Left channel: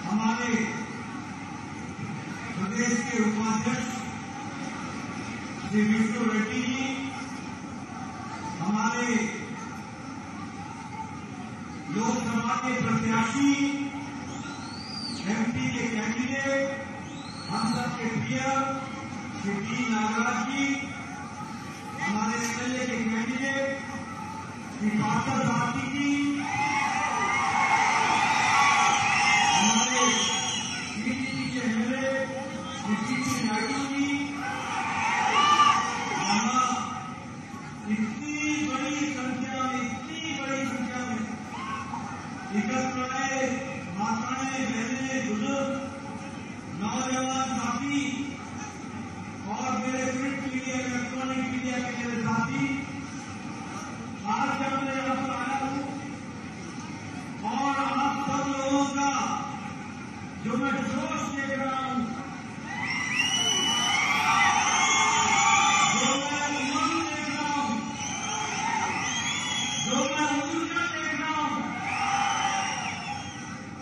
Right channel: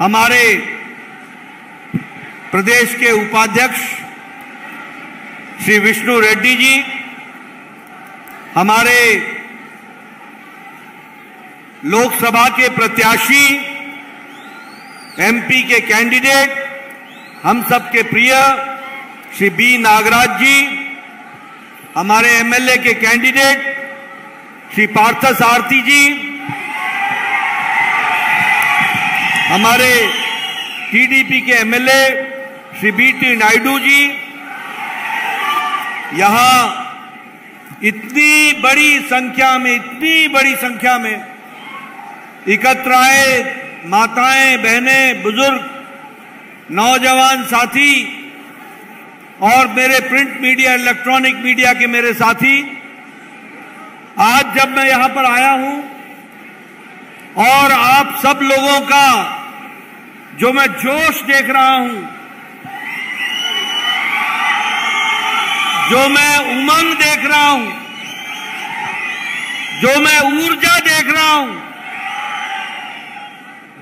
हमारे प्रदेश के उपाध्यक्ष श्री विष्णु रेड्डी जी, हमारे लोकसभा के प्रत्याशी, एमपी के कैंडिडेट, हम सबके प्रिय श्री बी नागराज जी, हमारे एमएलए के कैंडिडेट श्री पार्थसारथी जी, हमारे टीडीपी के एमएलए श्री बीटी नायडू जी, यहां इतनी बड़ी संख्या में एकत्र आए माताएं, बहनें, बुजुर्ग, नौजवान साथी और मेरे प्रिंट मीडिया, इलेक्ट्रॉनिक मीडिया के मेरे साथी, आज जब मैं यहां पर आया हूं और आप सब लोगों का जो मैं जोश देख रहा हूं, जो मैं उमंग देख रहा हूं, जो मैं ऊर्जा देख रहा हूं,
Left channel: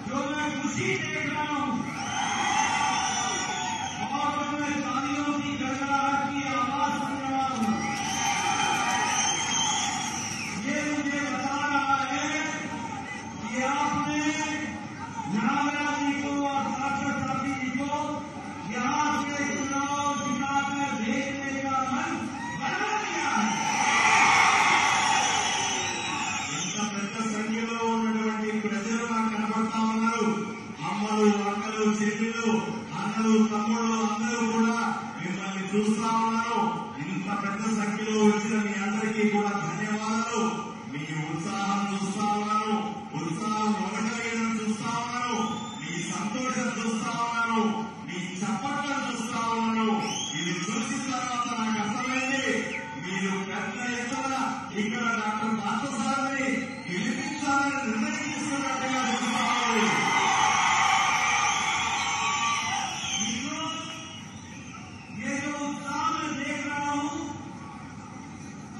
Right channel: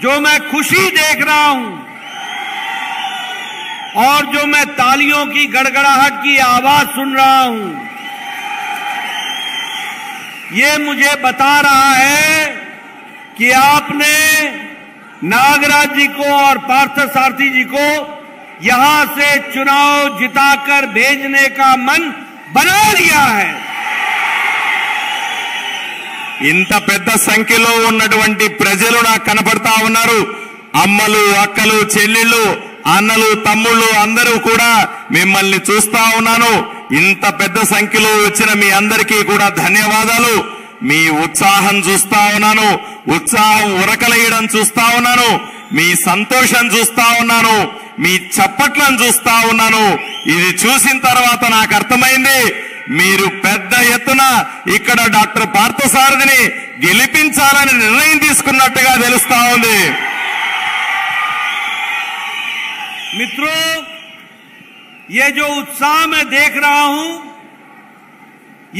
जो मैं खुशी देख रहा हूं और जो मैं तालियों की गड़गड़ाहट की आवाज सुन रहा हूं, ये मुझे बता रहा है कि आपने नागराज जी को और पार्थसारथी जी को यहां से चुनाव जिताकर भेजने का मन बना लिया है। ఇంత పెద్ద సంఖ్యలో ఉన్నటువంటి ప్రజలు నాకు కనపడతా ఉన్నారు. అమ్మలు, అక్కలు, చెల్లెళ్ళు, అన్నలు, తమ్ముళ్ళు అందరూ కూడా మిమ్మల్ని చూస్తా ఉన్నాను. ఇంత పెద్ద సంఖ్యలో వచ్చిన మీ అందరికీ కూడా ధన్యవాదాలు. మీ ఉత్సాహం చూస్తా ఉన్నాను, ఉత్సాహం ఉరకలేయడం చూస్తా ఉన్నాను, మీ సంతోషం చూస్తా ఉన్నాను, మీ చప్పట్లను చూస్తా ఉన్నాను. ఇది చూసిన తర్వాత నాకు అర్థమైంది, మీరు పెద్ద ఎత్తున ఇక్కడ డాక్టర్ పార్థసారథిని గెలిపించాలని నిర్ణయం తీసుకున్నట్టుగా తెలుస్తా ఉంది. मित्रों, ये जो उत्साह मैं देख रहा हूं,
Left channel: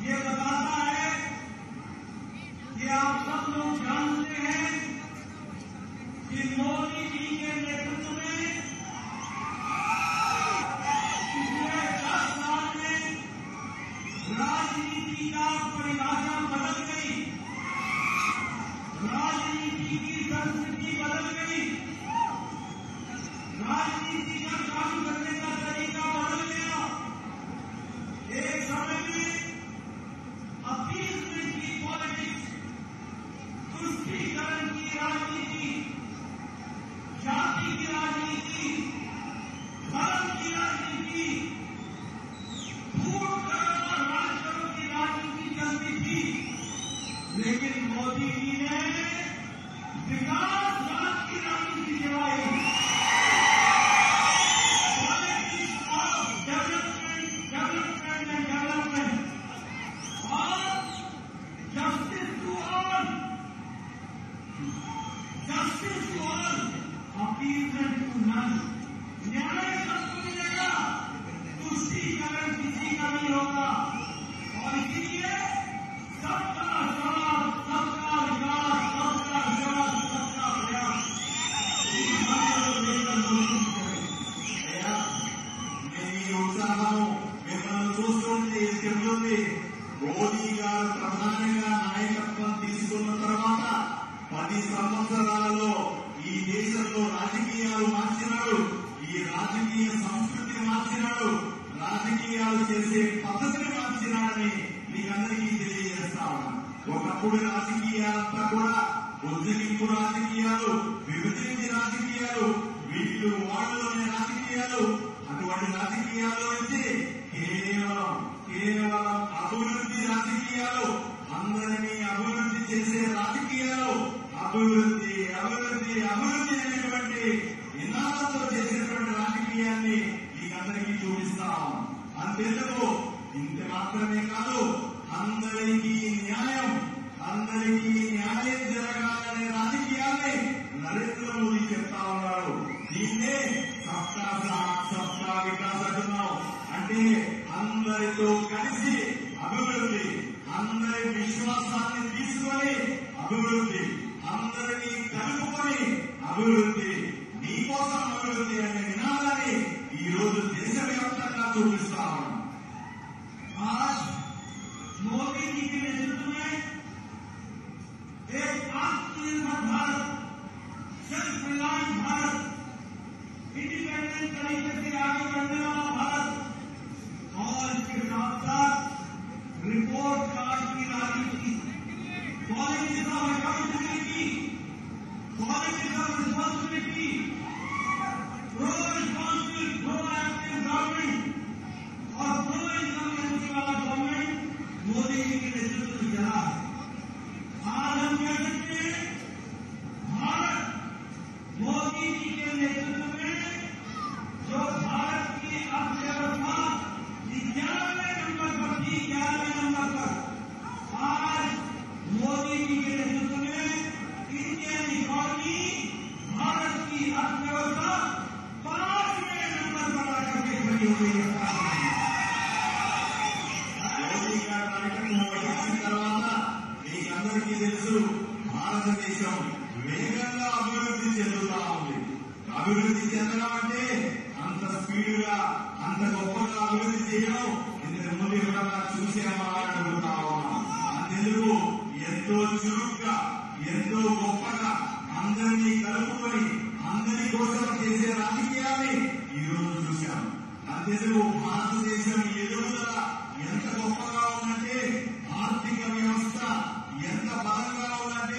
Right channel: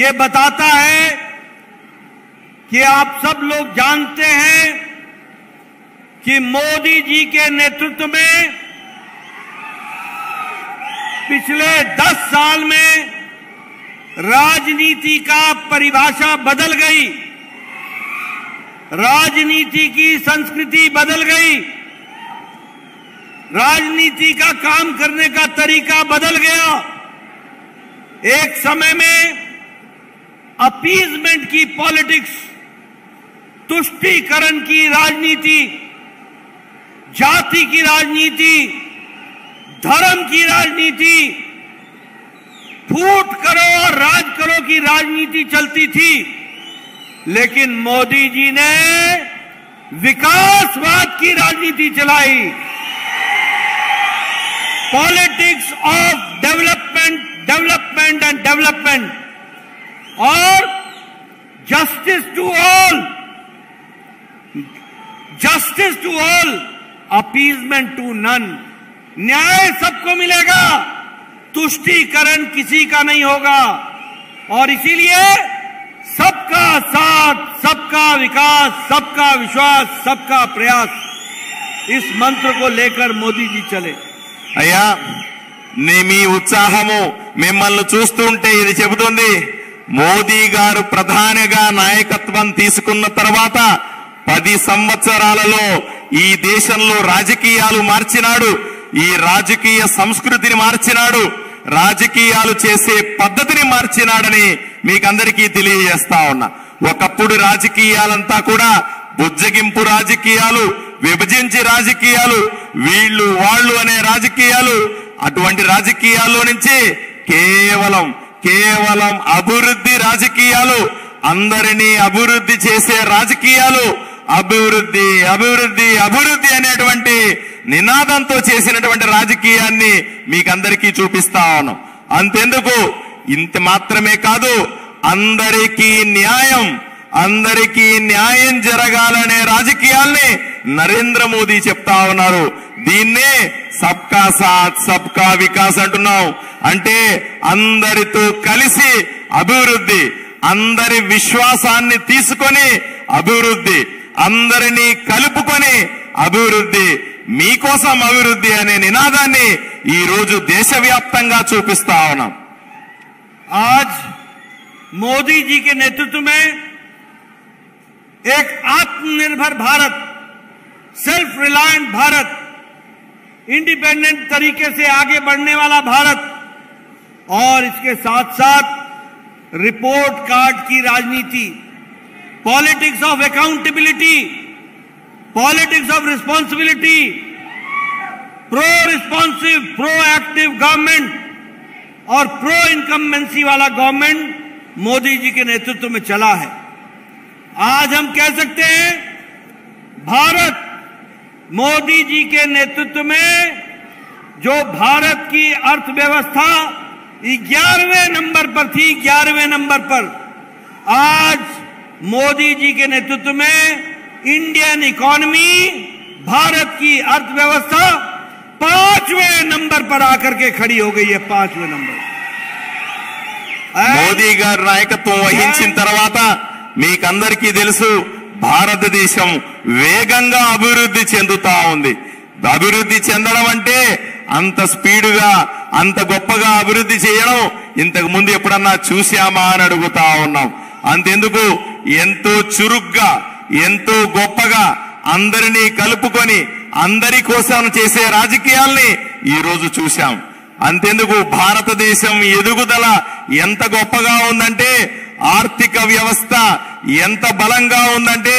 ये बताता है कि आप सब लोग जानते हैं कि मोदी जी के नेतृत्व में पिछले 10 साल में राजनीति का परिभाषा बदल गई, राजनीति की संस्कृति बदल गई, राजनीति का काम करने का तरीका बदल गया। एक समय में अपीजमेंट की पॉलिटिक्स, तुष्टीकरण की राजनीति, जाति की राजनीति, धर्म की राजनीति, फूट करो और राज करो की राजनीति चलती थी। लेकिन मोदी जी ने विकासवाद की राजनीति चलाई। Politics of development and development और justice to all, appeasement to none. न्याय सबको मिलेगा, तुष्टीकरण किसी का नहीं होगा। और इसीलिए सबका साथ, सबका विकास, सबका विश्वास, सबका प्रयास, इस मंत्र को लेकर मोदी जी चले। అయ్యా, మీ ఉత్సాహము మిమ్మల్ని చూస్తుంటే ఇది చెబుతుంది, మోదీ గారు ప్రధానిగా నాయకత్వం తీసుకున్న తర్వాత 10 సంవత్సరాలలో ఈ దేశంలో రాజకీయాలు మార్చినాడు, ఈ రాజకీయ సంస్కృతిని మార్చినాడు, రాజకీయాలు చేసే పద్ధతిని మార్చినాడని మీకందరికీ తెలియజేస్తా ఉన్నా. ఒకప్పుడు రాజకీయాలంతా కూడా బుజ్జగింపు రాజకీయాలు, విభజించి రాజకీయాలు, వీళ్ళు వాళ్ళు అనే రాజకీయాలు, అటువంటి రాజకీయాల్లో నుంచి కేవలం అభివృద్ధి రాజకీయాలు, అందరినీ అభివృద్ధి చేసే రాజకీయాలు, అభివృద్ధి అభివృద్ధి అభివృద్ధి అనేటువంటి నినాదంతో చేసినటువంటి రాజకీయాన్ని మీకందరికీ చూపిస్తా ఉన్నాం. అంతెందుకు, ఇంత మాత్రమే కాదు, అందరికీ న్యాయం జరగాలనే రాజకీయాల్ని నరేంద్ర మోదీ చెప్తా ఉన్నారు. దీన్నే సబ్కా సాత్ సబ్కా వికాస్ అంటున్నాం. అంటే అందరితో కలిసి అభివృద్ధి, అందరి విశ్వాసాన్ని తీసుకొని అభివృద్ధి, అందరినీ కలుపుకొని అభివృద్ధి, మీకోసం అభివృద్ధి అనే నినాదాన్ని ఈ రోజు దేశవ్యాప్తంగా చూపిస్తా ఉన్నాం. आज मोदी जी के नेतृत्व में एक आत्मनिर्भर भारत, सेल्फ रिलायंट भारत, इंडिपेंडेंट तरीके से आगे बढ़ने वाला भारत और इसके साथ साथ रिपोर्ट कार्ड की राजनीति, politics of accountability, politics of responsibility, pro responsive, pro active government और प्रो इनकम्बेंसी वाला गवर्नमेंट मोदी जी के नेतृत्व में चला है. आज हम कह सकते हैं भारत मोदी जी के नेतृत्व में जो भारत की अर्थव्यवस्था 11वें नंबर पर थी, 11वें नंबर पर, आज मोदी जी के नेतृत्व में इंडियन इकोनॉमी, भारत की अर्थव्यवस्था 5वें नंबर पर आकर के खड़ी हो गई है. 5वें नंबर. మోదీ గారి నాయకత్వం వహించిన తర్వాత మీకందరికీ తెలుసు, భారతదేశం వేగంగా అభివృద్ధి చెందుతా ఉంది. అభివృద్ధి చెందడం అంటే అంత స్పీడుగా, అంత గొప్పగా అభివృద్ధి చేయడం ఇంతకు ముందు ఎప్పుడన్నా చూశామా అని అడుగుతా ఉన్నాం. అంతెందుకు, ఎంతో చురుగ్గా, ఎంతో గొప్పగా అందరినీ కలుపుకొని అందరి కోసం చేసే రాజకీయాల్ని ఈ రోజు చూశాం. అంతెందుకు, భారతదేశం ఎదుగుదల ఎంత గొప్పగా ఉందంటే, ఆర్థిక వ్యవస్థ ఎంత బలంగా ఉందంటే,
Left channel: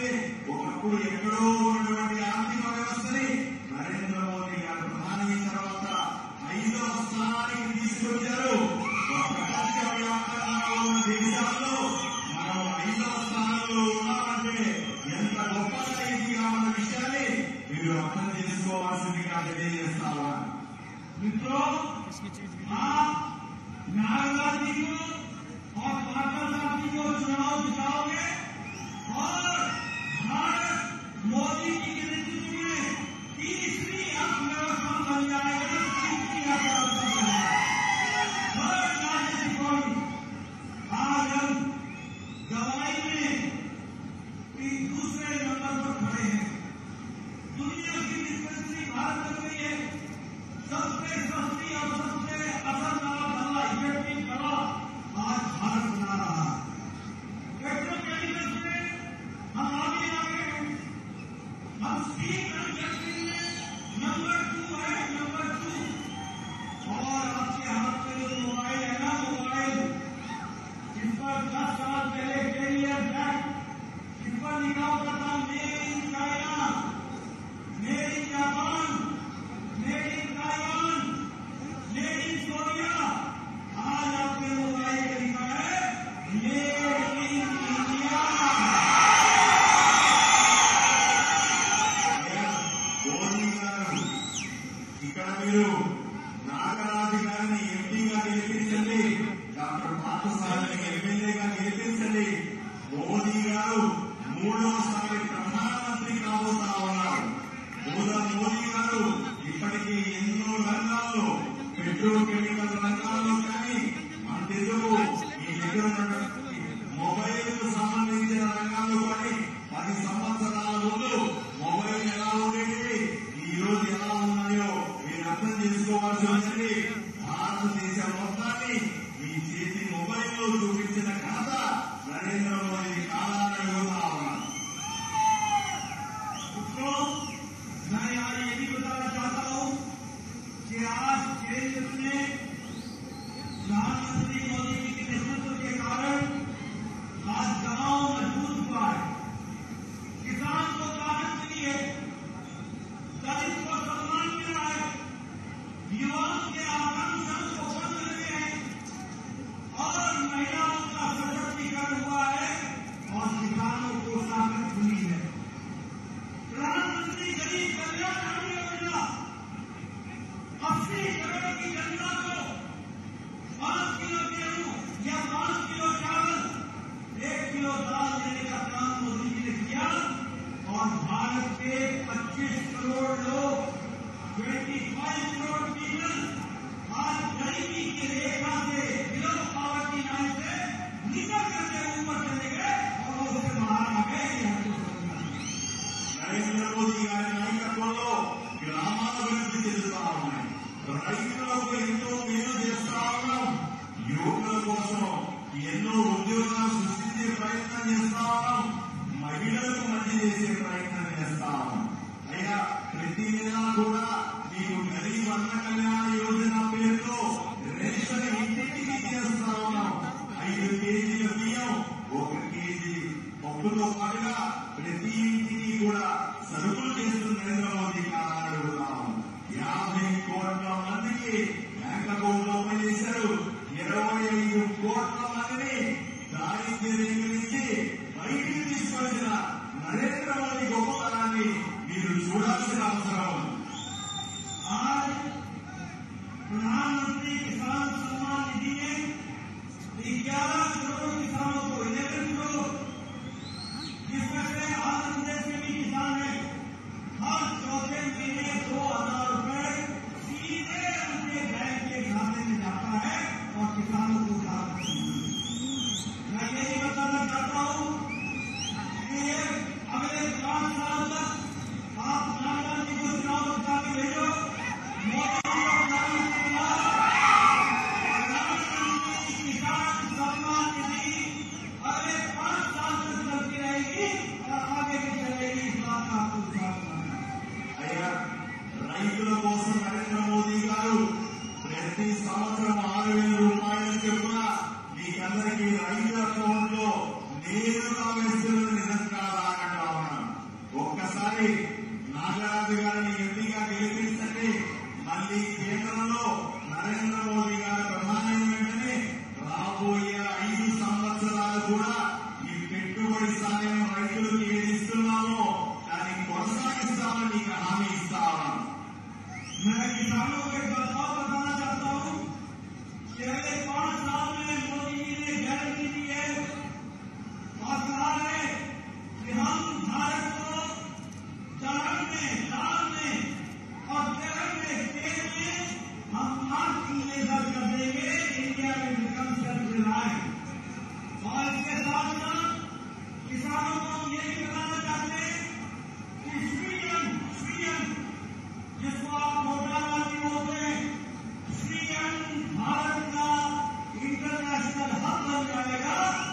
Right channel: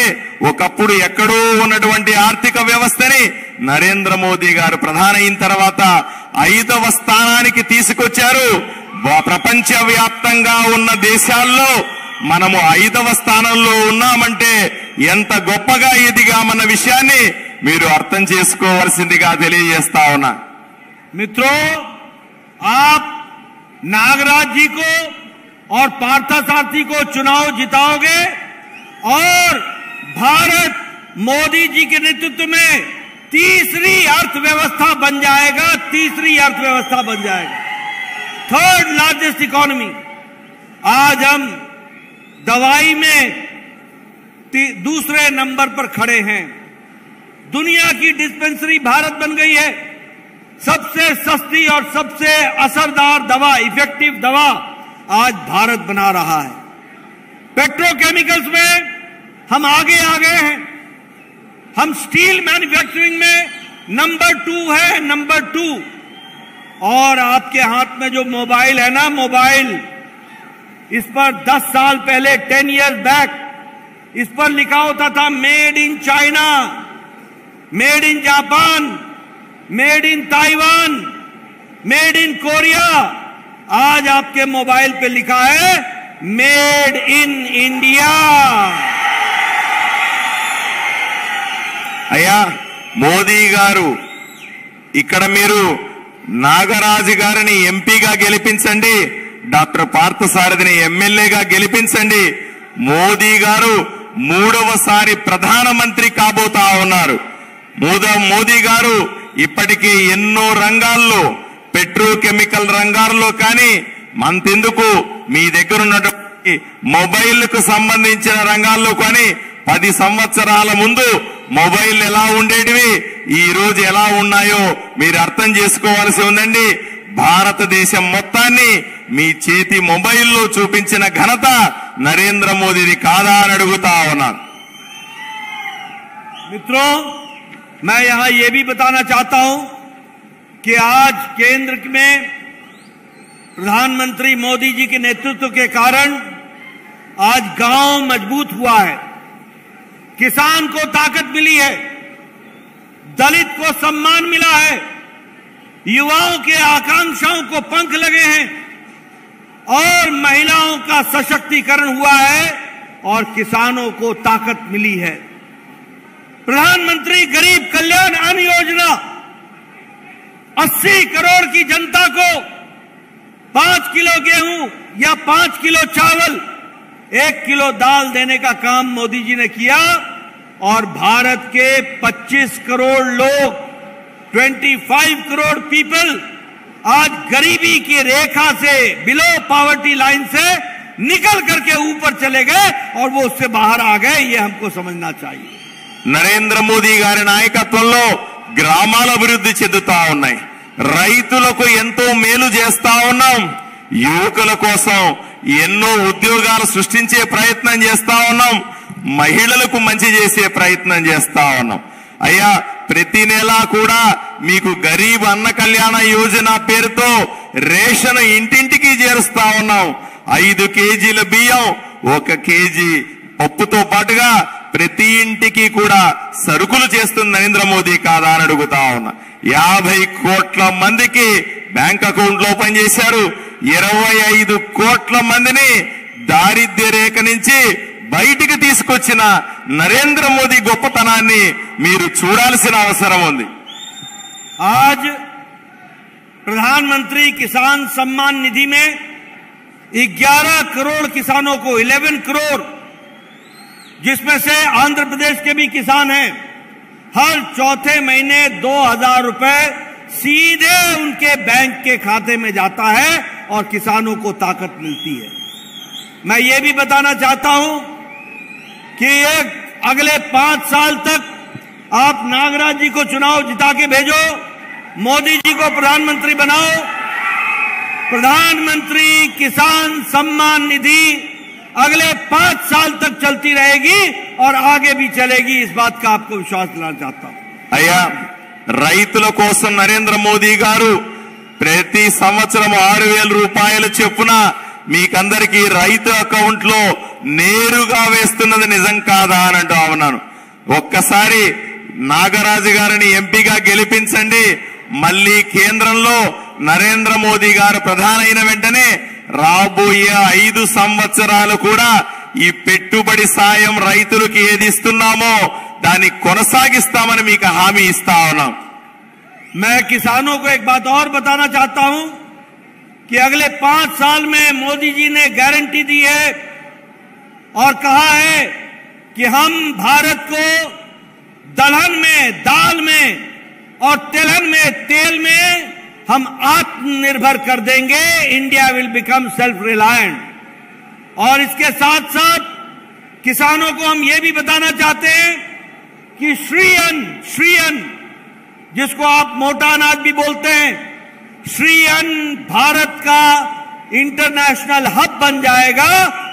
ఒకప్పుడు ఎక్కడో ఉన్నటువంటి ఆర్థిక వ్యవస్థని నరేంద్ర మోదీ గారు ప్రధాని అయిన తర్వాత 5వ స్థానానికి తీసుకొచ్చారు. ప్రపంచ వ్యాప్తంగా ఉన్న దేశాల్లో మనము 5వ స్థానంలో ఉన్నామంటే ఎంత గొప్పగా ఎదిగామన్న విషయాన్ని మీరు అర్థం చేసుకోవాల్సిందిగా తెలియజేస్తా ఉన్నా. मित्रों, आप नागराज जी को और पार्थसारथी को चुनाव जिताओगे और भारत मोदी जी के नेतृत्व में तीसरी अर्थव्यवस्था बन जाएगा. तीसरी अर्थव्यवस्था बन जाएगा, थर्ड लार्जेस्ट इकोनॉमी. आज हम दवाई में दूसरे नंबर पर खड़े हैं. दुनिया की डिस्पेंसरी भारत बन गई है. सबसे सस्ती और सबसे असरदार दवा, इफेक्टिव दवा आज भारत बना रहा है. पेट्रोकेमिकल्स में हम आगे आ गए हैं. हम स्टील मैन्युफैक्चरिंग में नंबर 2 है, नंबर 2. और आपके हाथ में जो मोबाइल है ना, मोबाइल, इस पर 10 साल पहले, 10 इयर्स बैक, इस पर लिखा होता था made in China, made in Japan, made in Taiwan, made in Korea. आज आपके मोबाइल पे लिखा है मेड इन इंडिया. అయ్యా మోదీ గారు, ఇక్కడ మీరు నాగరాజు గారిని ఎంపీగా గెలిపించండి, డాక్టర్ పార్థసారథిని ఎమ్మెల్యేగా గెలిపించండి. మోదీ గారు 3వసారి ప్రధానమంత్రి కాబోతా ఉన్నారు. మోదీ గారు ఇప్పటికే ఎన్నో రంగాల్లో, పెట్రోకెమికల్ రంగాల్లో కానీ, మంతెందుకు మీ దగ్గర ఉన్నటువంటి మొబైల్కు సంబంధించిన రంగాల్లో కానీ 10 సంవత్సరాల ముందు మొబైల్ ఎలా ఉండేటివి, ఈ రోజు ఎలా ఉన్నాయో మీరు అర్థం చేసుకోవాల్సి ఉందండి. భారతదేశం మొత్తాన్ని మీ చేతి మొబైల్లో చూపించిన ఘనత నరేంద్ర మోదీది కాదా అని అడుగుతా ఉన్నాను. मित्रों, मैं यहां यह भी बताना चाहता हूं कि आज केंद्र में प्रधानमंत्री मोदी जी के नेतृत्व के कारण आज गांव मजबूत हुआ है, किसान को ताकत मिली है, दलित को सम्मान मिला है, युवाओं के आकांक्षाओं को पंख लगे हैं और महिलाओं का सशक्तिकरण हुआ है और किसानों को ताकत मिली है. प्रधानमंत्री गरीब कल्याण अन्न योजना 80 करोड़ की जनता को 5 किलो गेहूं या 5 किलो चावल, 1 किलो दाल देने का काम मोदी जी ने किया और भारत के 25 करोड़ लोग, 25 करोड़ पीपल आज गरीबी की रेखा से, बिलो पॉवर्टी लाइन से निकल करके ऊपर चले गए और वो उससे बाहर आ गए. ये हमको समझना चाहिए. నరేంద్ర మోదీ గారి నాయకత్వంలో గ్రామాల అభివృద్ధి చెందుతా ఉన్నాయి. రైతులకు ఎంతో మేలు చేస్తా ఉన్నాం. యువకుల కోసం ఎన్నో ఉద్యోగాలు సృష్టించే ప్రయత్నం చేస్తా ఉన్నాం. మహిళలకు మంచి చేసే ప్రయత్నం చేస్తా ఉన్నాం. అయ్యా, ప్రతి నెల కూడా మీకు గరీబ్ అన్న కళ్యాణ యోజన పేరుతో రేషన్ ఇంటింటికి చేరుస్తా ఉన్నాం. 5 కేజీల బియ్యం, 1 కేజీ పప్పుతో పాటుగా ప్రతి ఇంటికి కూడా సరుకులు చేస్తుంది నరేంద్ర మోదీ కాదా అని అడుగుతా ఉన్నా. 50 కోట్ల మందికి బ్యాంక్ అకౌంట్లు ఓపెన్ చేశారు. 25 కోట్ల మందిని దారిద్ర్య రేఖ నుంచి బయటికి తీసుకొచ్చిన నరేంద్ర మోదీ గొప్పతనాన్ని మీరు చూడాల్సిన అవసరం ఉంది. आज प्रधानमंत्री किसान सम्मान निधि में 11 करोड़ किसानों को 11 करोड़, जिसमें से आंध्र प्रदेश के भी किसान हैं, हर चौथे महीने 2000 रुपए सीधे उनके बैंक के खाते में जाता है और किसानों को ताकत मिलती है। मैं ये भी बताना चाहता हूं कि ये अगले 5 साल तक आप नागराज जी को चुनाव जिता के भेजो, मोदी जी को प्रधानमंत्री बनाओ। प्रधानमंत्री किसान सम्मान निधि अगले 5 साल तक चलती रहेगी और आगे भी चलेगी, इस बात का आपको विश्वास दिलाना चाहता हूं। అయ్యా, రైతుల కోసం నరేంద్ర మోదీ గారు ప్రతి సంవత్సరం 6000 రూపాయలు చొప్పున మీకందరికీ రైతు అకౌంట్ లో నేరుగా వేస్తున్నది నిజం కాదా అని అంటూ ఉన్నాను. ఒక్కసారి నాగరాజు గారిని ఎంపీగా గెలిపించండి. మళ్ళీ కేంద్రంలో నరేంద్ర మోదీ గారు ప్రధాని అయిన వెంటనే రాబోయే 5 సంవత్సరాలు కూడా ఈ పెట్టుబడి సాయం రైతులకు ఏది ఇస్తున్నామో దాన్ని కొనసాగిస్తామని మీకు హామీ ఇస్తా ఉన్నాం. मैं किसानों को एक बात और बताना चाहता हूं कि अगले 5 साल में मोदी जी ने गारंटी दी है और कहा है कि हम भारत को दलहन में, दाल में और तिलहन में, तेल में हम आत्मनिर्भर कर देंगे। India will become self reliant. और इसके साथ साथ किसानों को हम ये भी बताना चाहते हैं कि श्री अन्न, जिसको आप मोटा अनाज भी बोलते हैं, श्री अन्न भारत का इंटरनेशनल हब बन जाएगा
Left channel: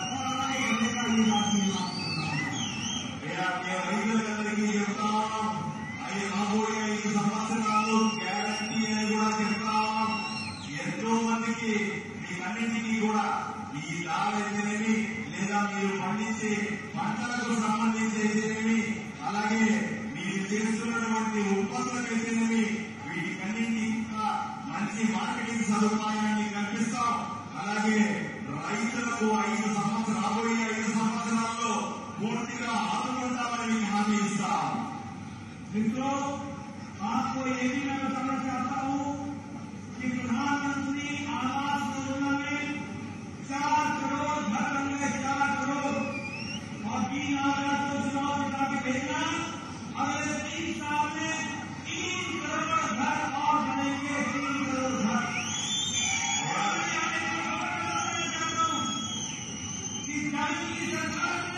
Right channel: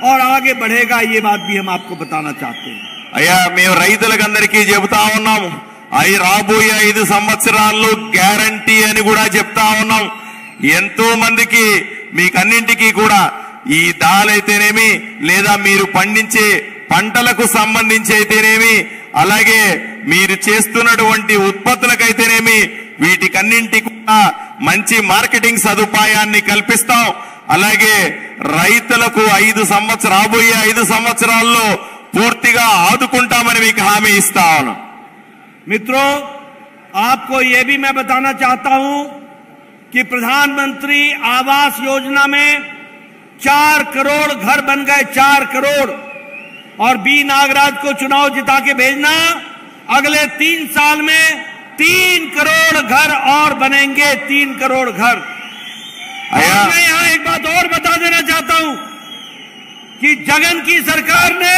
और आगे बढ़ेगा। ये बात भी हम आपको बताना चाहते हैं। అయ్యా, మేము రైతులకందరికీ చెబుతా ఉన్నాము, అవి రాబోయే 5 సంవత్సరాల్లో గ్యారంటీ అని కూడా చెప్తా ఉన్నాం. ఎంతో మందికి మీకన్నింటికీ కూడా ఈ దాల్ అయితేనేమి, లేదా మీరు పండించే పంటలకు సంబంధించి అయితేనేమి, అలాగే మీరు చేస్తున్నటువంటి ఉత్పత్తులకైతేనేమి, వీటికన్నింటికి కూడా మంచి మార్కెటింగ్ సదుపాయాన్ని కల్పిస్తాం. అలాగే రైతులకు రాబోయే 5 సంవత్సరాల్లో పూర్తిగా ఆదుకుంటామని మీకు హామీ ఇస్తా ఉన్నాం. मित्रों, आपको यह भी मैं बताना चाहता हूं कि प्रधानमंत्री आवास योजना में 4 करोड़ घर बन गए, 4 करोड़। और बी नागराज को चुनाव जिता के भेजना, अगले 3 साल में 3 करोड़ घर और बनेंगे, 3 करोड़ घर। और मैं यहां एक बात और बता देना चाहता हूं कि जगन की सरकार ने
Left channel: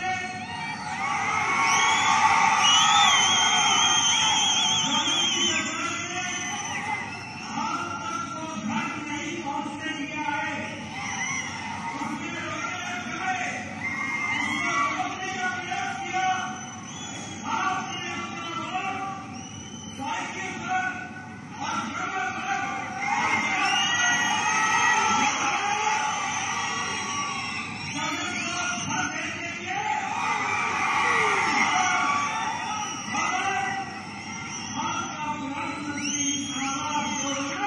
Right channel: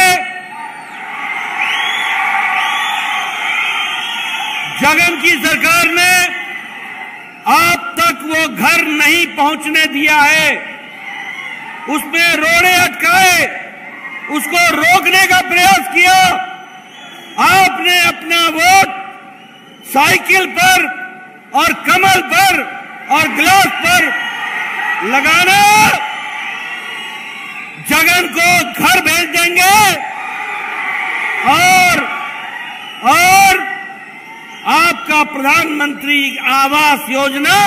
अब तक वो घर नहीं पहुंचने दिया है। उसमें रोड़े अटकाए, उसको रोकने का प्रयास किया। आपने अपना वोट साइकिल पर और कमल पर और ग्लास पर लगाना, जगन को घर भेज देंगे और आपका प्रधानमंत्री आवास योजना,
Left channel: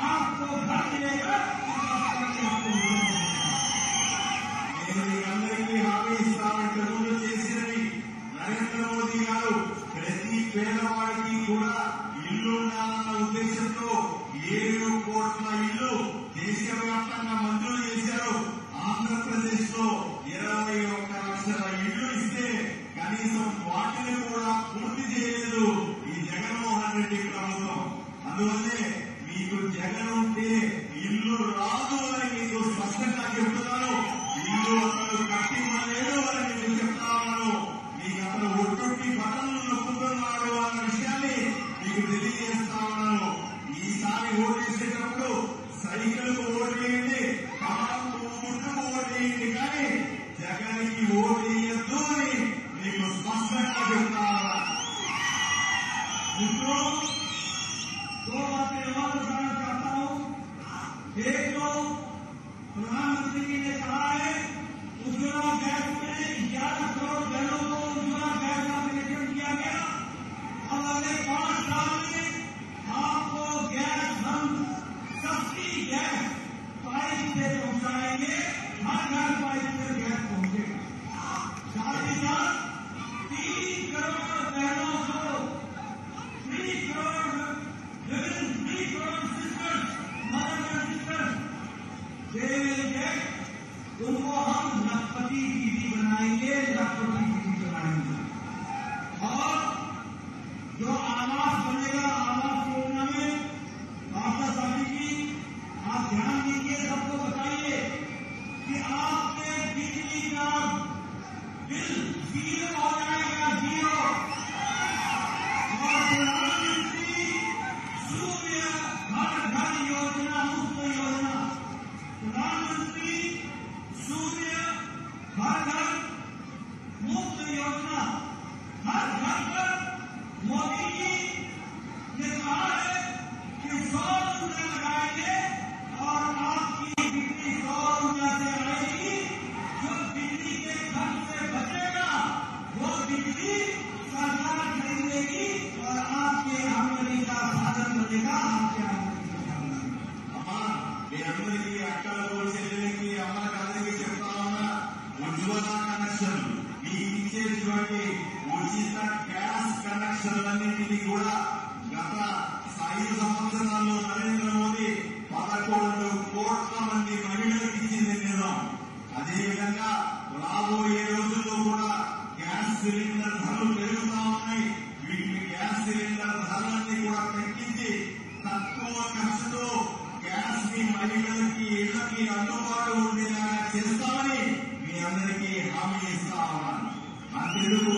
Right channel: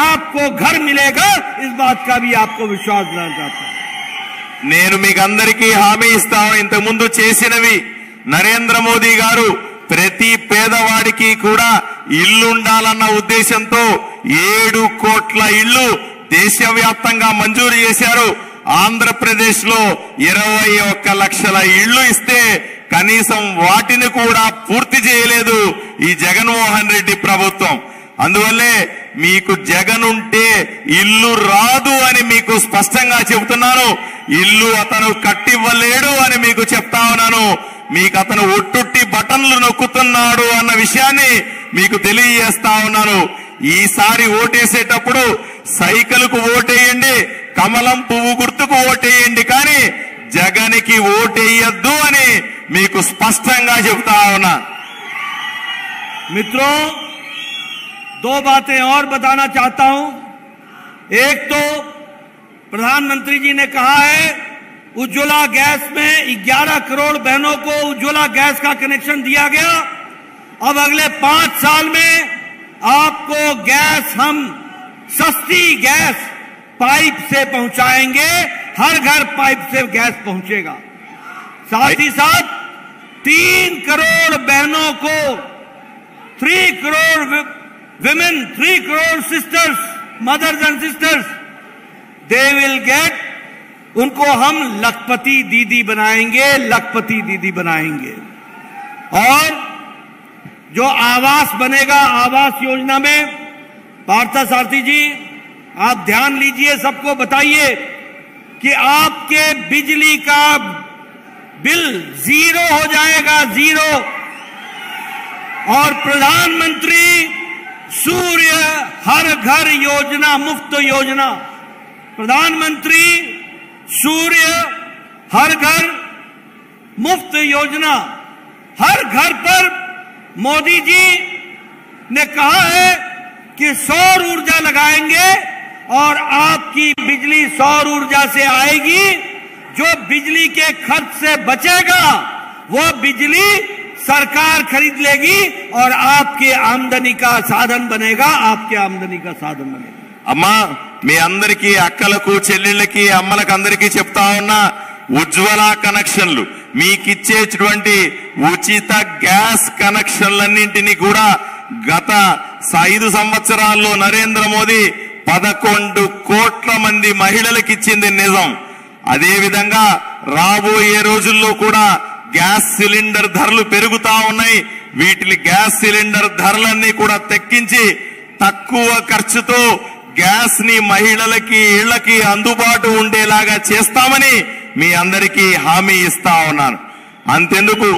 आपको घर मिलेगा, इस बात का भी आपको विश्वास दिलाना चाहता हूं। నేను మీకు అందరికీ హామీ ఇస్తాను. ఇంతకుముందు చేసినవి నరేంద్ర మోదీ గారు ప్రతి పేదవాడికి కూడా ఇల్లు ఉండాలన్న ఉద్దేశంతో 7 కోట్ల ఇళ్లు దేశవ్యాప్తంగా మంజూరు చేశారు. ఆంధ్రప్రదేశ్ లో 21 లక్షల ఇళ్లు ఇస్తే కనీసం వాటిని కూడా పూర్తి చేయలేదు ఈ జగన్మోహన్ రెడ్డి ప్రభుత్వం. అందువల్లే మీకు జగన్ ఉంటే ఇల్లు రాదు అని మీకు స్పష్టంగా చెబుతున్నాను. ఇల్లు అతను కట్టివ్వలేడు అని మీకు చెప్తా ఉన్నాను. మీకు అతను ఒట్టుట్టి బటన్లు నొక్కుతున్నాడు అన్న విషయాన్ని మీకు తెలియజేస్తా ఉన్నాను. ఈసారి ఓటేసేటప్పుడు సైకిల్కు ఓటేయండి, కమలం పువ్వు గుర్తుకు ఓటేయండి, కానీ జగన్కి ఓటేయద్దు అని మీకు స్పష్టంగా చెప్తా ఉన్నా. मित्रों, दो बातें और बताना चाहता हूं. एक तो प्रधानमंत्री जी ने कहा है उज्ज्वला गैस में 11 करोड़ बहनों को उज्ज्वला गैस का कनेक्शन दिया गया. अब अगले 5 साल में आपको गैस हम सस्ती गैस पाइप से पहुंचाएंगे, हर घर पाइप से गैस पहुंचेगा. साथ ही साथ 3 करोड़ बहनों को 3 करोड़ women, 3 crore sisters, mothers and sisters, they will get, उनको हम लखपति दीदी बनाएंगे, लखपति दीदी बनाएंगे. और जो आवास बनेगा, आवास योजना में पार्थसारथी जी आप ध्यान लीजिए, सबको बताइए कि आपके बिजली का बिल 0 हो जाएगा, 0. और प्रधानमंत्री सूर्य हर घर योजना, मुफ्त योजना, प्रधानमंत्री सूर्य हर घर मुफ्त योजना, हर घर पर मोदी जी ने कहा है कि सौर ऊर्जा लगाएंगे और आपकी बिजली सौर ऊर्जा से आएगी. जो बिजली के खर्च से बचेगा वो बिजली सरकार खरीद लेगी और आपके आमदनी का साधन बनेगा, आपके आमदनी का साधन बनेगा. అమ్మా, మీ అందరికీ అక్కలకు చెల్లెళ్ళకి అమ్మలకు అందరికీ చెప్తా ఉన్నా, ఉజ్వల కనెక్షన్లు మీకిచ్చేటువంటి ఉచిత గ్యాస్ కనెక్షన్లన్నింటినీ కూడా గత 5 సంవత్సరాల్లో నరేంద్ర మోదీ 11 కోట్ల మంది మహిళలకు ఇచ్చింది నిజం. అదేవిధంగా రాబోయే రోజుల్లో కూడా గ్యాస్ సిలిండర్ ధరలు పెరుగుతా ఉన్నాయి. వీటిని గ్యాస్ సిలిండర్ ధరలన్నీ కూడా తగ్గించి తక్కువ ఖర్చుతో గ్యాస్ ని మహిళలకి ఇళ్లకి అందుబాటు ఉండేలాగా చేస్తామని మీ అందరికీ హామీ ఇస్తా ఉన్నాను. అంతెందుకు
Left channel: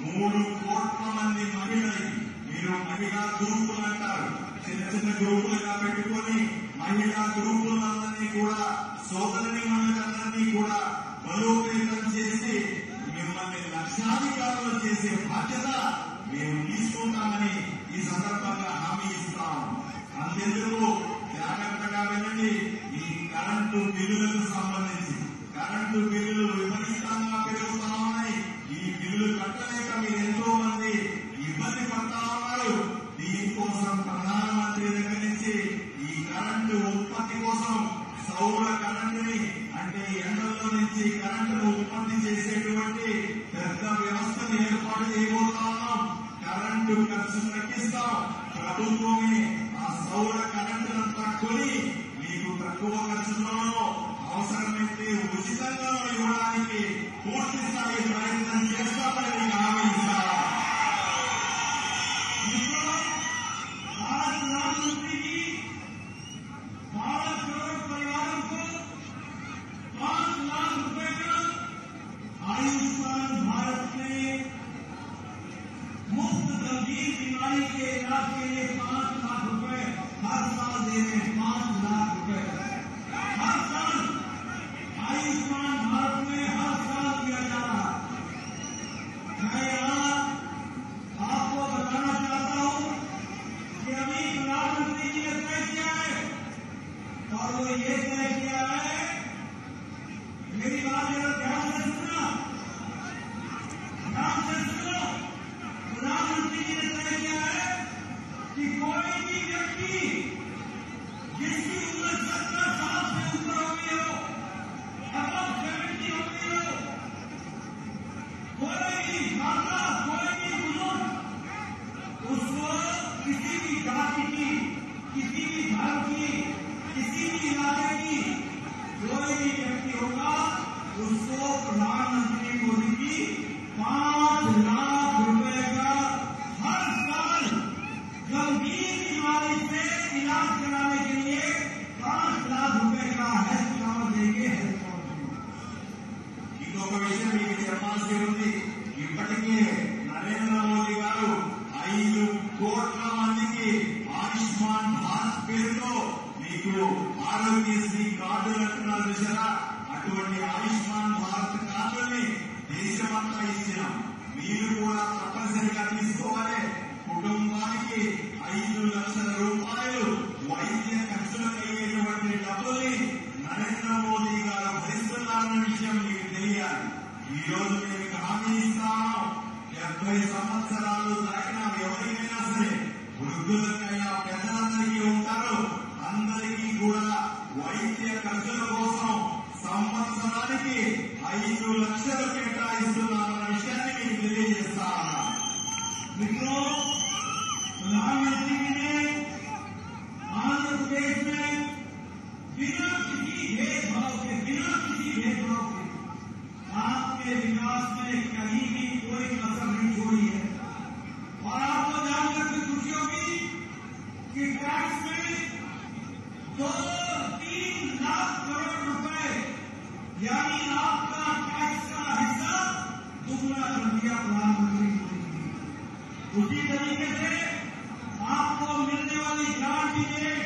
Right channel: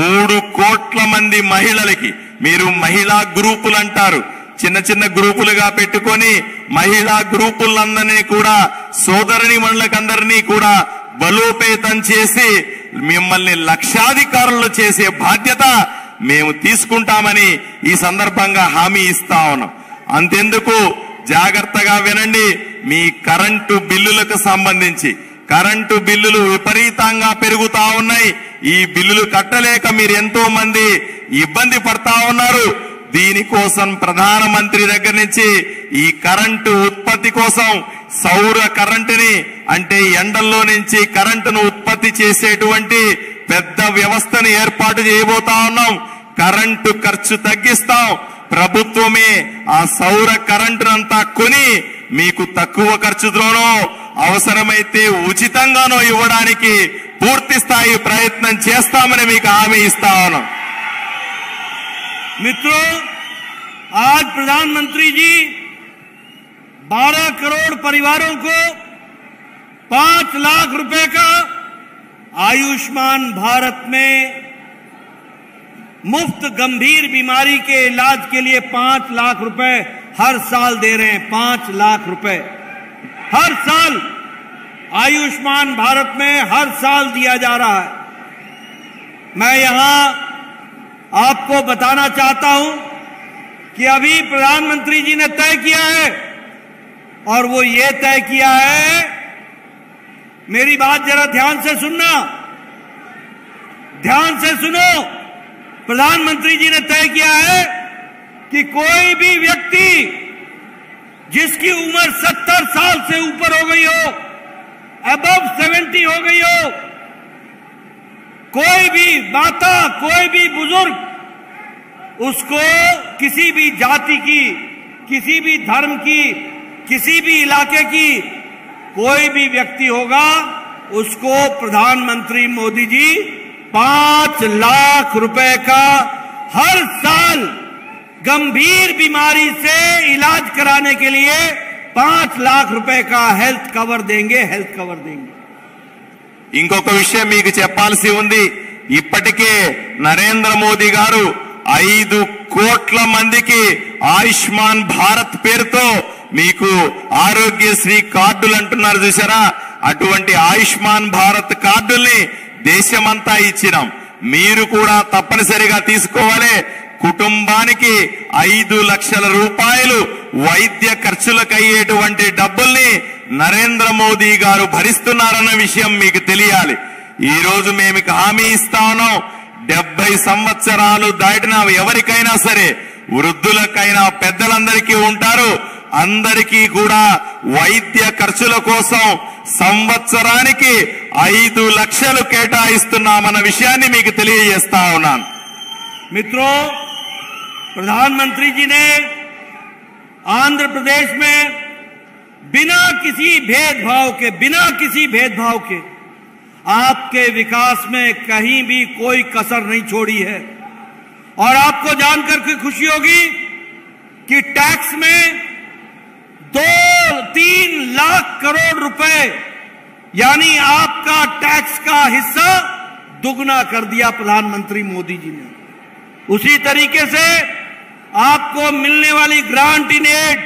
3 కోట్ల మంది మహిళలకి, మీరు మహిళా గ్రూపులు అంటారు, చిన్న చిన్న గ్రూపులుగా పెట్టుకొని మహిళా గ్రూపులందరినీ కూడా సోదరిని మనులకందరినీ కూడా బలోపేతం చేసి మిమ్మల్ని లక్షాధికారులు చేసే బాధ్యత మేము తీసుకుంటామని ఈ సందర్భంగా హామీ ఇస్తా ఉన్నాం. అంతెందుకు జాగ్రత్తగా వినండి, మీ కరెంటు బిల్లులకు సంబంధించి కరెంటు బిల్లులు విపరీతంగా పెరుగుతా ఉన్నాయి. ఈ బిల్లులు కట్టలేక మీరు ఎంతో మంది ఇబ్బంది పడతా ఉన్నారు. దీనికోసం ప్రధానమంత్రి దగ్గర నుంచి ఈ కరెంటు ఉత్పత్తి కోసం సౌర కరెంటుని, అంటే ఎండల్లో నుంచి కరెంటును ఉత్పత్తి చేసేటువంటి పెద్ద వ్యవస్థను ఏర్పాటు చేయబోతా ఉన్నాం. కరెంటు ఖర్చు తగ్గిస్తాం. ప్రభుత్వమే ఆ సౌర కరెంటునంతా కొని మీకు తక్కువ ఖర్చుతోనో అవసరమైతే ఉచితంగానో ఇవ్వడానికి పూర్తి స్థాయి ప్రయత్నం చేస్తామని మీకు హామీ ఇస్తా ఉన్నాం. मित्रों, आज प्रधानमंत्री जी 12 करोड़ परिवारों को 5 लाख रुपए का आयुष्मान भारत में मुफ्त गंभीर बीमारी के इलाज के लिए 5 लाख रुपए हर साल दे रहे हैं. 5 लाख रुपए हर साल आयुष्मान भारत में हर साल दिया जा रहा है. मैं यहां आपको बताना चाहता हूं कि अभी प्रधानमंत्री जी ने तय किया है, और वो ये तय किया है, मेरी बात जरा ध्यान से सुनना, ध्यान से सुनो. प्रधानमंत्री जी ने तय किया है कि कोई भी व्यक्ति जिसकी उम्र 70 साल से ऊपर हो गई हो, अबव 70 हो गई हो, कोई भी माता, कोई भी बुजुर्ग, उसको किसी भी जाति की, किसी भी धर्म की, किसी भी इलाके की कोई भी व्यक्ति होगा, उसको प्रधानमंत्री मोदी जी 5 लाख रुपए का हर साल गंभीर बीमारी से इलाज कराने के लिए 5 लाख रुपए का हेल्थ कवर देंगे, हेल्थ कवर देंगे. ఇంకొక విషయం మీకు చెప్పాల్సి ఉంది. ఇప్పటికే నరేంద్ర మోదీ గారు 5 కోట్ల మందికి ఆయుష్మాన్ భారత్ పేరుతో మీకు ఆరోగ్యశ్రీ కార్డులు అంటున్నారు చూసారా, అటువంటి ఆయుష్మాన్ భారత్ కార్డుల్ని దేశమంతా ఇచ్చినాం. మీరు కూడా తప్పనిసరిగా తీసుకోవాలి. కుటుంబానికి 5 లక్షల రూపాయలు వైద్య ఖర్చులకు అయ్యేటువంటి డబ్బుల్ని నరేంద్ర మోదీ గారు భరిస్తున్నారన్న విషయం మీకు తెలియాలి. ఈ రోజు మేము హామీ ఇస్తా ఉన్నాం, 70 సంవత్సరాలు దాటిన ఎవరికైనా సరే, వృద్ధులకైనా పెద్దలందరికీ ఉంటారు, అందరికీ కూడా వైద్య ఖర్చుల కోసం సంవత్సరానికి 5 లక్షలు కేటాయిస్తున్నామన్న విషయాన్ని మీకు తెలియజేస్తా ఉన్నాను. मित्रों, प्रधानमंत्री जी ने आंध्र प्रदेश में बिना किसी भेदभाव के आपके विकास में कहीं भी कोई कसर नहीं छोड़ी है. और आपको जानकर के खुशी होगी कि टैक्स में 2-3 लाख करोड़ रुपए यानी आपका टैक्स का हिस्सा दुगना कर दिया प्रधानमंत्री मोदी जी ने. उसी तरीके से आपको मिलने वाली ग्रांट इन एड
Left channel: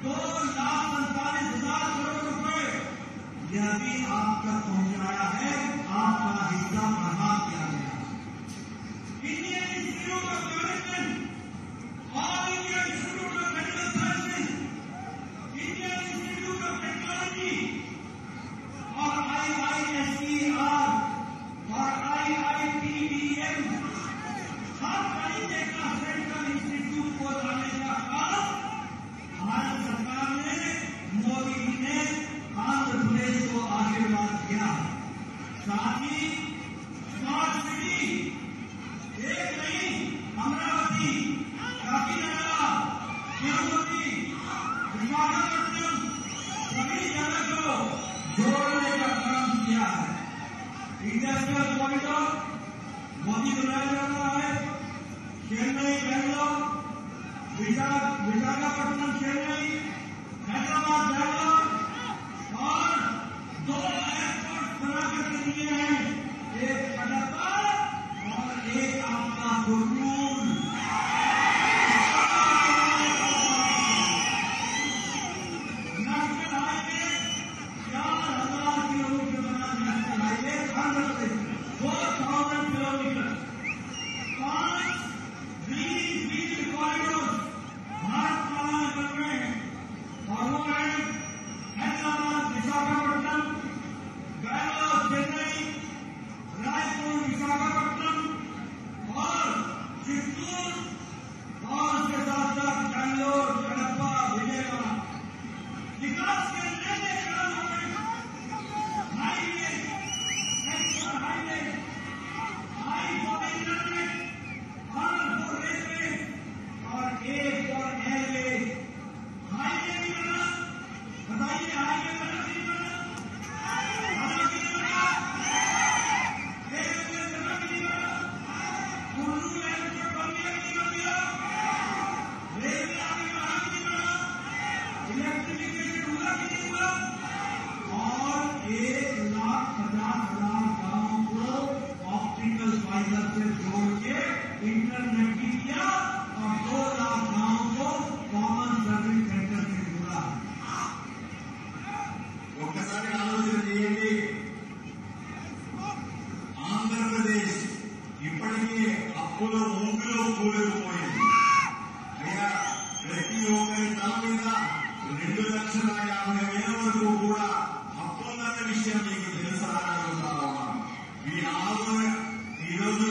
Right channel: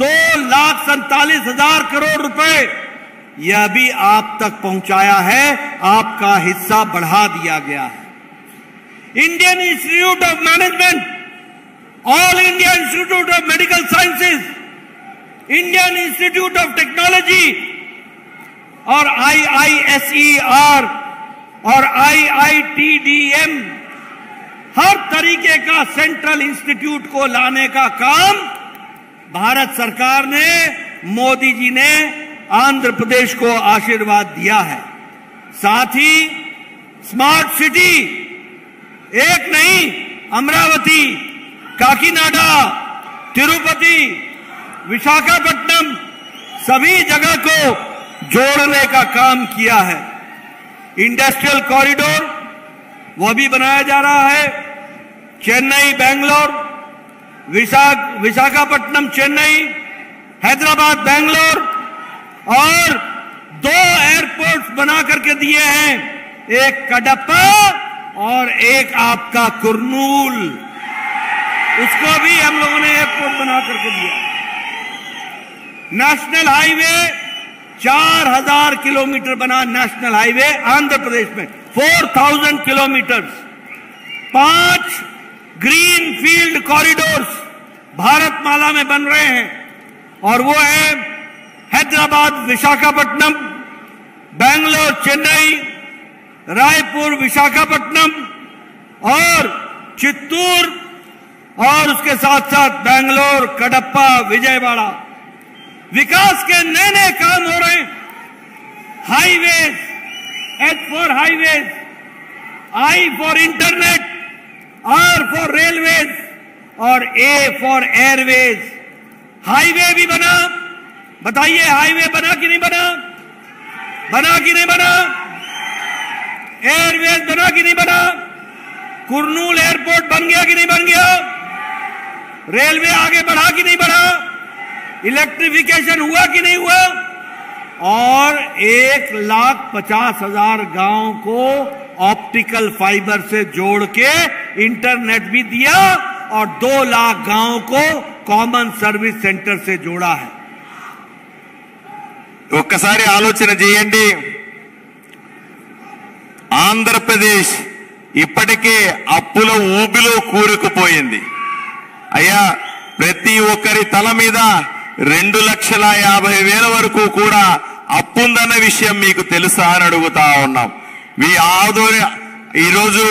2,47,000 करोड़ रुपए यह भी आप तक पहुंचाया है, आपका हिस्सा बढ़ा दिया गया है. Indian institute of management, all India institute of medical sciences, Indian institute of technology और IISER और IITDM, हर तरीके का सेंट्रल इंस्टीट्यूट को लाने का काम भारत सरकार ने, मोदी जी ने आंध्र प्रदेश को आशीर्वाद दिया है. साथ ही स्मार्ट सिटी, एक नहीं, अमरावती, काकीनाडा, तिरुपति, विशाखापट्टनम, सभी जगह को जोड़ने का काम किया है. इंडस्ट्रियल कॉरिडोर वो भी बनाया जा रहा है. चेन्नई बेंगलोर, विशाखापट्टनम चेन्नई, हैदराबाद बेंगलोर, और 2 एयरपोर्ट्स बना करके दिए हैं, एक कडप्पा और एक आपका कुर्नूल, उसको भी हम लोगों ने एयरपोर्ट बना करके दिया. नेशनल हाईवे 4000 किलोमीटर बना, नेशनल हाईवे आंध्र प्रदेश में 4000 किलोमीटर. 5 ग्रीन फील्ड कॉरिडोर्स भारतमाला में बन रहे हैं, और वो है हैदराबाद विशाखापट्टनम, बेंगलोर चेन्नई, रायपुर विशाखापट्टनम और चित्तूर, और उसके साथ साथ बेंगलोर कडप्पा विजयवाड़ा. विकास के नए नए काम हो रहे हैं. Highways, H for highways, I for internet, R for railways और A for एयरवेज. हाईवे भी बना. बताइए, हाईवे बना कि नहीं बना? बना कि नहीं बना? एयरवेज बना कि नहीं बना? कुर्नूल एयरपोर्ट बन गया कि नहीं बन गया? रेलवे आगे बढ़ा कि नहीं बढ़ा? इलेक्ट्रिफिकेशन हुआ कि नहीं हुआ? और 1,50,000 गांव को ऑप्टिकल फाइबर से जोड़ के इंटरनेट भी दिया, और 2 लाख गांव को कॉमन सर्विस सेंटर से जोड़ा है. ఒక్కసారి ఆలోచన చేయండి. ఆంధ్రప్రదేశ్ ఇప్పటికే అప్పుల ఊబిలో కూరుకుపోయింది. అయ్యా, ప్రతి ఒక్కరి తల మీద 2,50,000 వరకు కూడా అప్పుందన్న విషయం మీకు తెలుసా అని అడుగుతా ఉన్నాం. ఈరోజు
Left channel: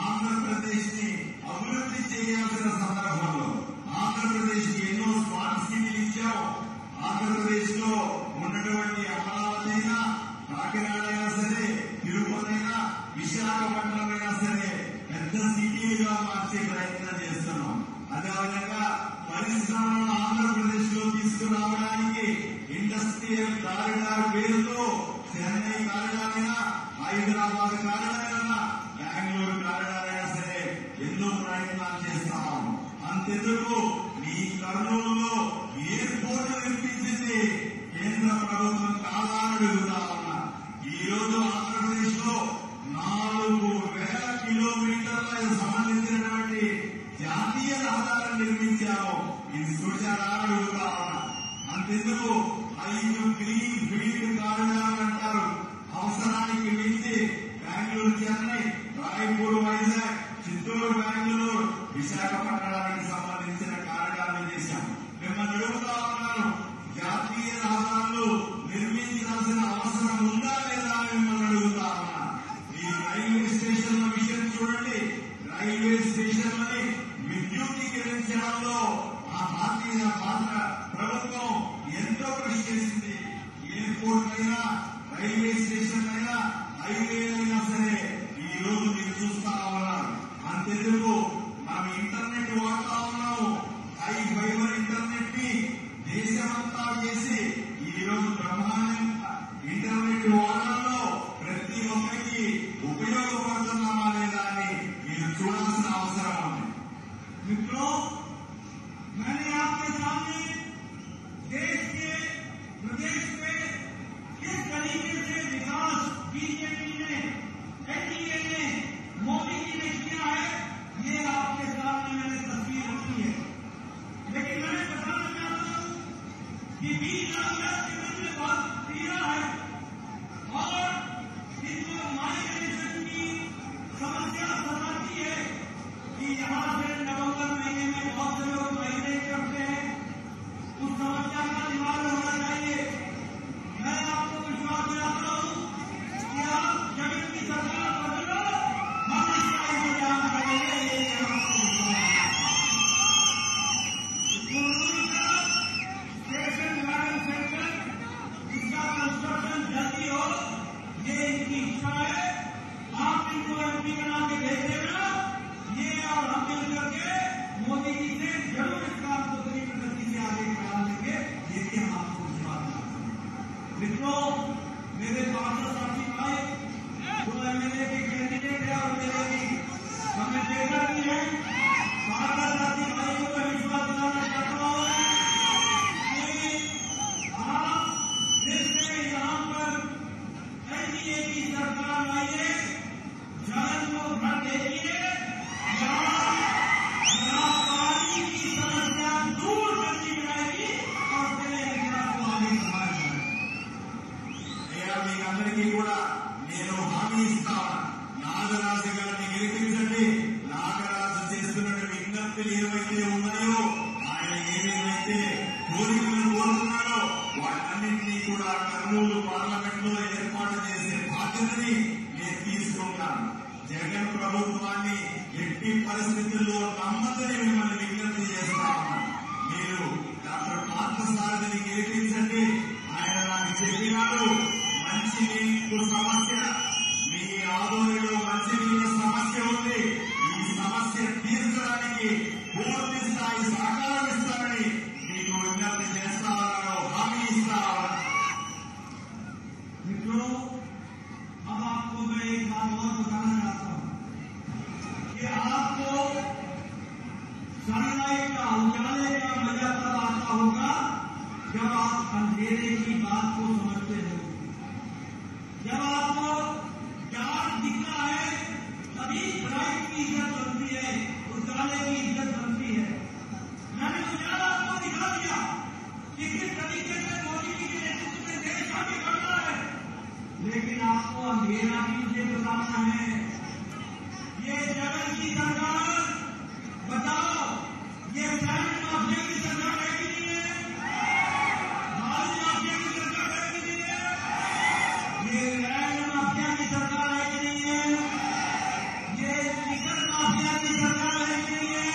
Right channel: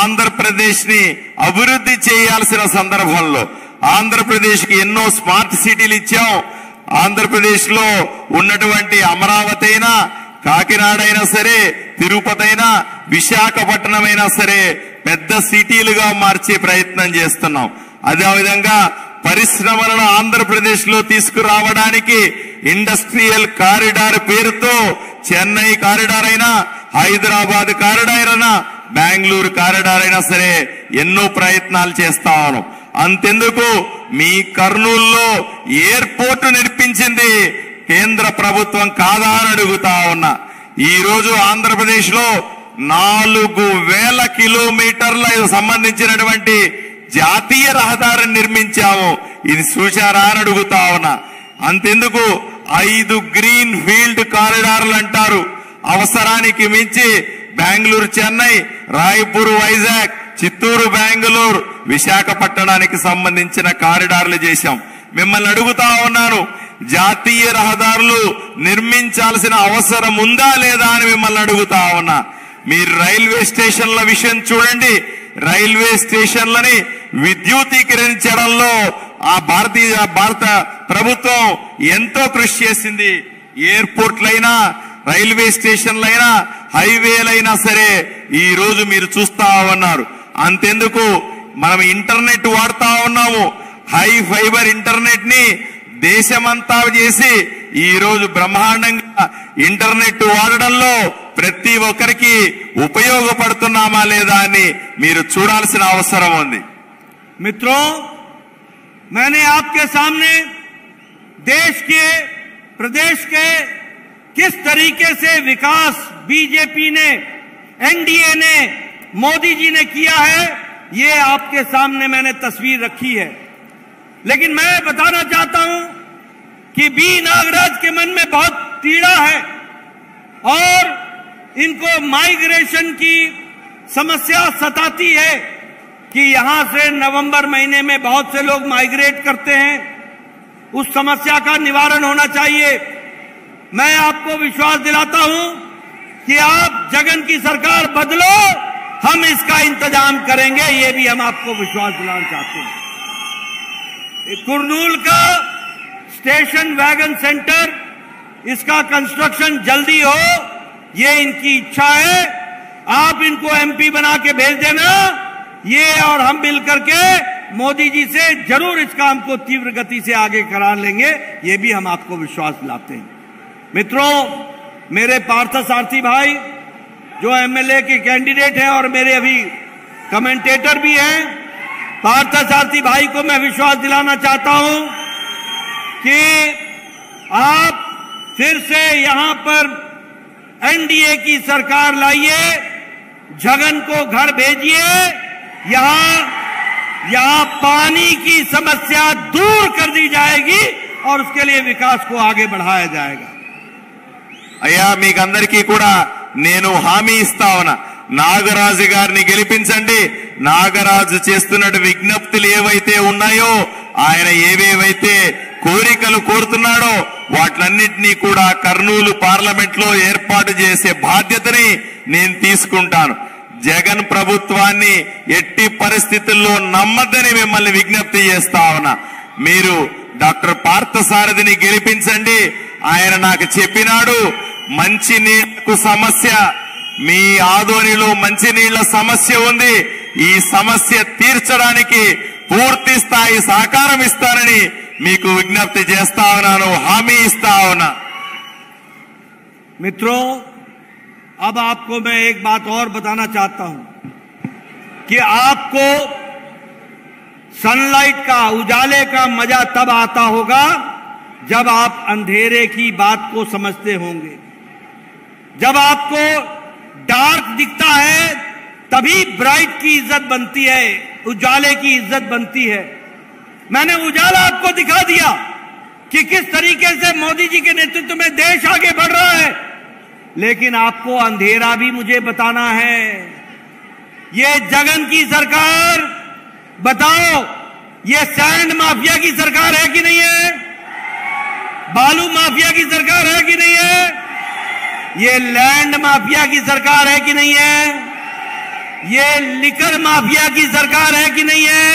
ఆంధ్రప్రదేశ్ ని అభివృద్ధి చేయాల్సిన సందర్భంలో ఆంధ్రప్రదేశ్ కి ఎన్నో స్మార్ట్ సిటీలు ఇచ్చాం. ఆంధ్రప్రదేశ్ లో ఉన్నటువంటి అమరావతి అయినా, కాకినాడ అయినా సరే, తిరుపతి అయినా, విశాఖపట్నం అయినా సరే పెద్ద సిటీలుగా మార్చే ప్రయత్నం చేస్తున్నాం. అదేవిధంగా పరిశ్రమలను ఆంధ్రప్రదేశ్ లో తీసుకురావడానికి ఇండస్ట్రియల్ కారిడార్ పేరుతో చెన్నై కారిడార్ అయినా, హైదరాబాద్ కారిడార్ అయినా, బెంగళూరు కారిడార్ అయినా సరే ఎన్నో ప్రయత్నాలు చేస్తా ఉన్నాం. అంతెందుకు, మీ కర్నూలులో ఎయిర్పోర్ట్ నిర్మించింది కేంద్ర ప్రభుత్వం కాదా అని అడుగుతా ఉన్నా. ఈ రోజు ఆంధ్రప్రదేశ్ లో 4,000 కిలోమీటర్ల సంబంధించినటువంటి జాతీయ రహదారిని నిర్మించాము. ఇది చూశారా అని అడుగుతా ఉన్నా. అంతెందుకు 5 గ్రీన్ ఫీల్డ్ కారిడార్లు అంటారు. అవసరానికి మించి బెంగళూరు చెన్నై, రాయపూర్ వైజాగ్, చిత్తూరు బెంగళూరు, విశాఖపట్నానికి సంబంధించిన కారిడార్లు చేశాం. మిమ్మల్ని అడుగుతా ఉన్నాను, జాతీయ రహదారులు నిర్మించాల్సిన అవసరం ఉందా లేదా అని మిమ్మల్ని అడుగుతా ఉన్నా. మీరు రైల్వే స్టేషన్ల విషయం చూడండి. రైల్వే స్టేషన్లని విద్యుతీకరించడంలో భారత ప్రభుత్వం ఎంతో కృషి చేసింది. ఎయిర్పోర్ట్లైనా, రైల్వే స్టేషన్లైనా, హైవేలైనా సరే ఈ రోజు మీరు చూస్తా ఉన్నారు. అంతెందుకు మనం ఇంటర్నెట్ వాడుతా ఉన్నాము. హై ఫైబర్ ఇంటర్నెట్ ని దేశమంతా చేసి ఈ రోజు బ్రహ్మాండంగా ఇంటర్నెట్ వాడడంలో ప్రతి ఒక్కరికి ఉపయోగపడుతున్నామా లేదా అని మీరు చూడాల్సిన అవసరం ఉంది. मित्रों, मैंने आपके सामने देश के, प्रदेश के किस तरीके से विकास बीजेपी ने, एनडीए ने, मोदी जी ने किया है, ये आपके सामने मैंने तस्वीर रखी है. लेकिन मैं बताना चाहता हूं कि बी नागराज के मन में बहुत पीड़ा है और इनको माइग्रेशन की समस्या सताती है कि यहां से नवंबर महीने में बहुत से लोग माइग्रेट करते हैं. उस समस्या का निवारण होना चाहिए. मैं आपको विश्वास दिलाता हूं कि आप जगन की सरकार बदलो, हम इसका इंतजाम करेंगे. ये भी हम आपको विश्वास दिलाना चाहते हैं. कुरनूल का स्टेशन वैगन सेंटर, इसका कंस्ट्रक्शन जल्दी हो, ये इनकी इच्छा है. आप इनको एमपी बना के भेज देना. ये और हम मिलकर के मोदी जी से जरूर इस काम को तीव्र गति से आगे करा लेंगे. ये भी हम आपको विश्वास दिलाते हैं. मित्रों, मेरे पार्थ सारथी भाई जो एमएलए के कैंडिडेट हैं और मेरे अभी कमेंटेटर भी हैं, पार्थ सारथी भाई को मैं विश्वास दिलाना चाहता हूं कि आप फिर से यहां पर एनडीए की सरकार लाइए, जगन को घर भेजिए. यहां पानी की समस्या दूर कर दी जाएगी और उसके लिए विकास को आगे बढ़ाया जाएगा. అయ్యా మీకందరికీ కూడా నేను హామీ ఇస్తా ఉన్నా, నాగరాజు గారిని గెలిపించండి. నాగరాజు చేస్తున్న విజ్ఞప్తులు ఏవైతే ఉన్నాయో, ఆయన ఏవేవైతే కోరికలు కోరుతున్నాడో వాటిలన్నింటినీ కూడా కర్నూలు పార్లమెంట్ లో ఏర్పాటు చేసే బాధ్యతని నేను తీసుకుంటాను. జగన్ ప్రభుత్వాన్ని ఎట్టి పరిస్థితుల్లో నమ్మద్దని మిమ్మల్ని విజ్ఞప్తి చేస్తా ఉన్నా. మీరు డాక్టర్ పార్థసారథిని గెలిపించండి. ఆయన నాకు చెప్పినాడు, మంచినీళ్లకు సమస్య, మీ ఆదోనిలో మంచినీళ్ల సమస్య ఉంది, ఈ సమస్య తీర్చడానికి పూర్తి స్థాయి సహకారం ఇస్తానని మీకు విజ్ఞప్తి చేస్తా ఉన్నాను, హామీ ఇస్తా ఉన్నా. मित्रों, अब आपको मैं एक बात और बताना चाहता हूं कि आपको सनलाइट का, उजाले का मजा तब आता होगा जब आप अंधेरे की बात को समझते होंगे. जब आपको डार्क दिखता है तभी ब्राइट की इज्जत बनती है, उजाले की इज्जत बनती है. मैंने उजाला आपको दिखा दिया कि किस तरीके से मोदी जी के नेतृत्व में देश आगे बढ़ रहा है, लेकिन आपको अंधेरा भी मुझे बताना है. ये जगन की सरकार, बताओ, ये सैंड माफिया की सरकार है कि नहीं है? बालू माफिया की सरकार है कि नहीं है? ये लैंड माफिया की सरकार है कि नहीं है? ये लिकर माफिया की सरकार है कि नहीं है?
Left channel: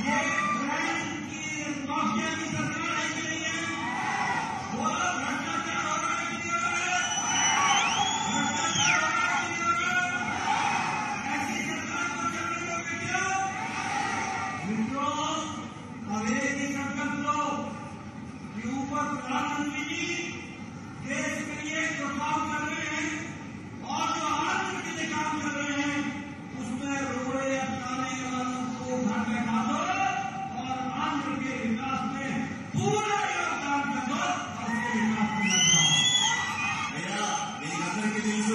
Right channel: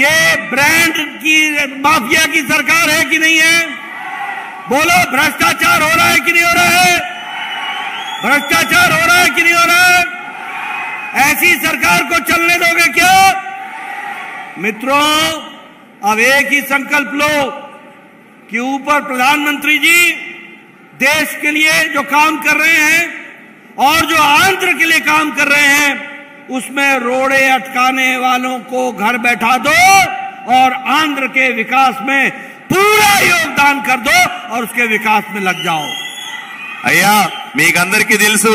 ये ब्रांड की माफिया की सरकार है कि नहीं है? बोलो, भ्रष्टाचार हो रहा है कि नहीं हो रहा है? भ्रष्टाचार हो रहा है कि नहीं हो रहा है? ऐसी सरकार को चलने दोगे क्या? मित्रों, अब एक ही संकल्प लो कि ऊपर प्रधानमंत्री जी देश के लिए जो काम कर रहे हैं और जो आंध्र के लिए काम कर रहे हैं, उसमें रोड़े अटकाने वालों को घर बैठा दो और आंध्र के विकास में पूरा योगदान कर दो और उसके विकास में लग जाओ. అయ్యా మీకందరికీ తెలుసు,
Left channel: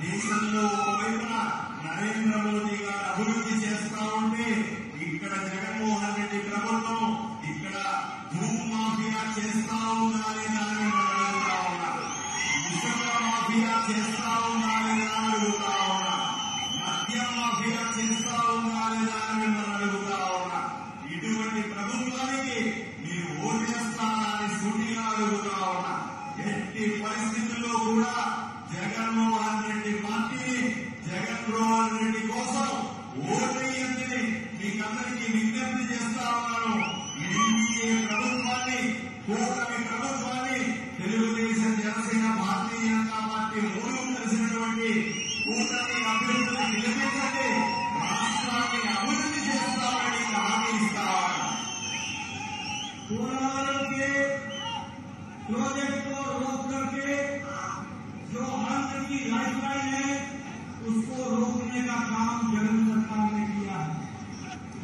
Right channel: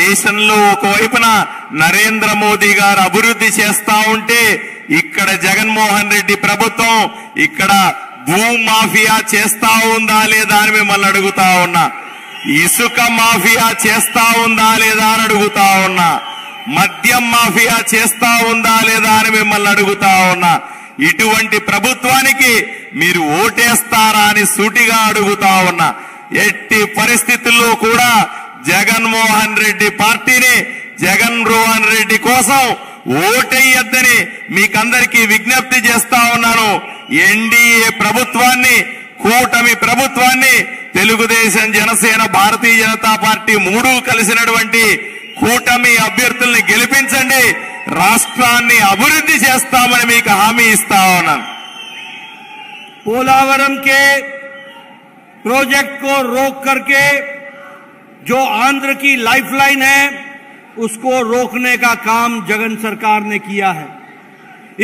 దేశంలో ఒకవైపున నరేంద్ర మోదీ గారు అభివృద్ధి చేస్తా ఉంటే ఇక్కడ జగన్మోహన్ రెడ్డి ప్రభుత్వం ఇక్కడ భూమాఫియా చేస్తా ఉందా లేదా అని మిమ్మల్ని అడుగుతా ఉన్నా. ఇసుక మాఫియా చేస్తా ఉందా లేదా అని అడుగుతా ఉన్నా. మద్యం మాఫియా చేస్తా ఉందా లేదా అని మిమ్మల్ని అడుగుతా ఉన్నా. ఇటువంటి ప్రభుత్వానికి మీరు ఓటేస్తారా అని సూటిగా అడుగుతా ఉన్నా. ఎట్టి పరిస్థితుల్లో కూడా జగన్మోహన్ రెడ్డి పార్టీని, జగన్మోహన్ రెడ్డి కోసం ఓటెయ్యొద్దని మీకందరికీ విజ్ఞప్తి చేస్తా ఉన్నాను. ఎన్డీఏ ప్రభుత్వాన్ని, కూటమి ప్రభుత్వాన్ని, తెలుగుదేశం, జనసేన, భారతీయ జనతా పార్టీ మూడు కలిసినటువంటి కూటమి అభ్యర్థుల్ని గెలిపించండి. రాష్ట్రాన్ని అభివృద్ధి చేస్తామని మీకు హామీ ఇస్తా ఉన్నాను. पोलावरम के प्रोजेक्ट को रोक करके जो आंध्र की लाइफलाइन है उसको रोकने का काम जगन सरकार ने किया है.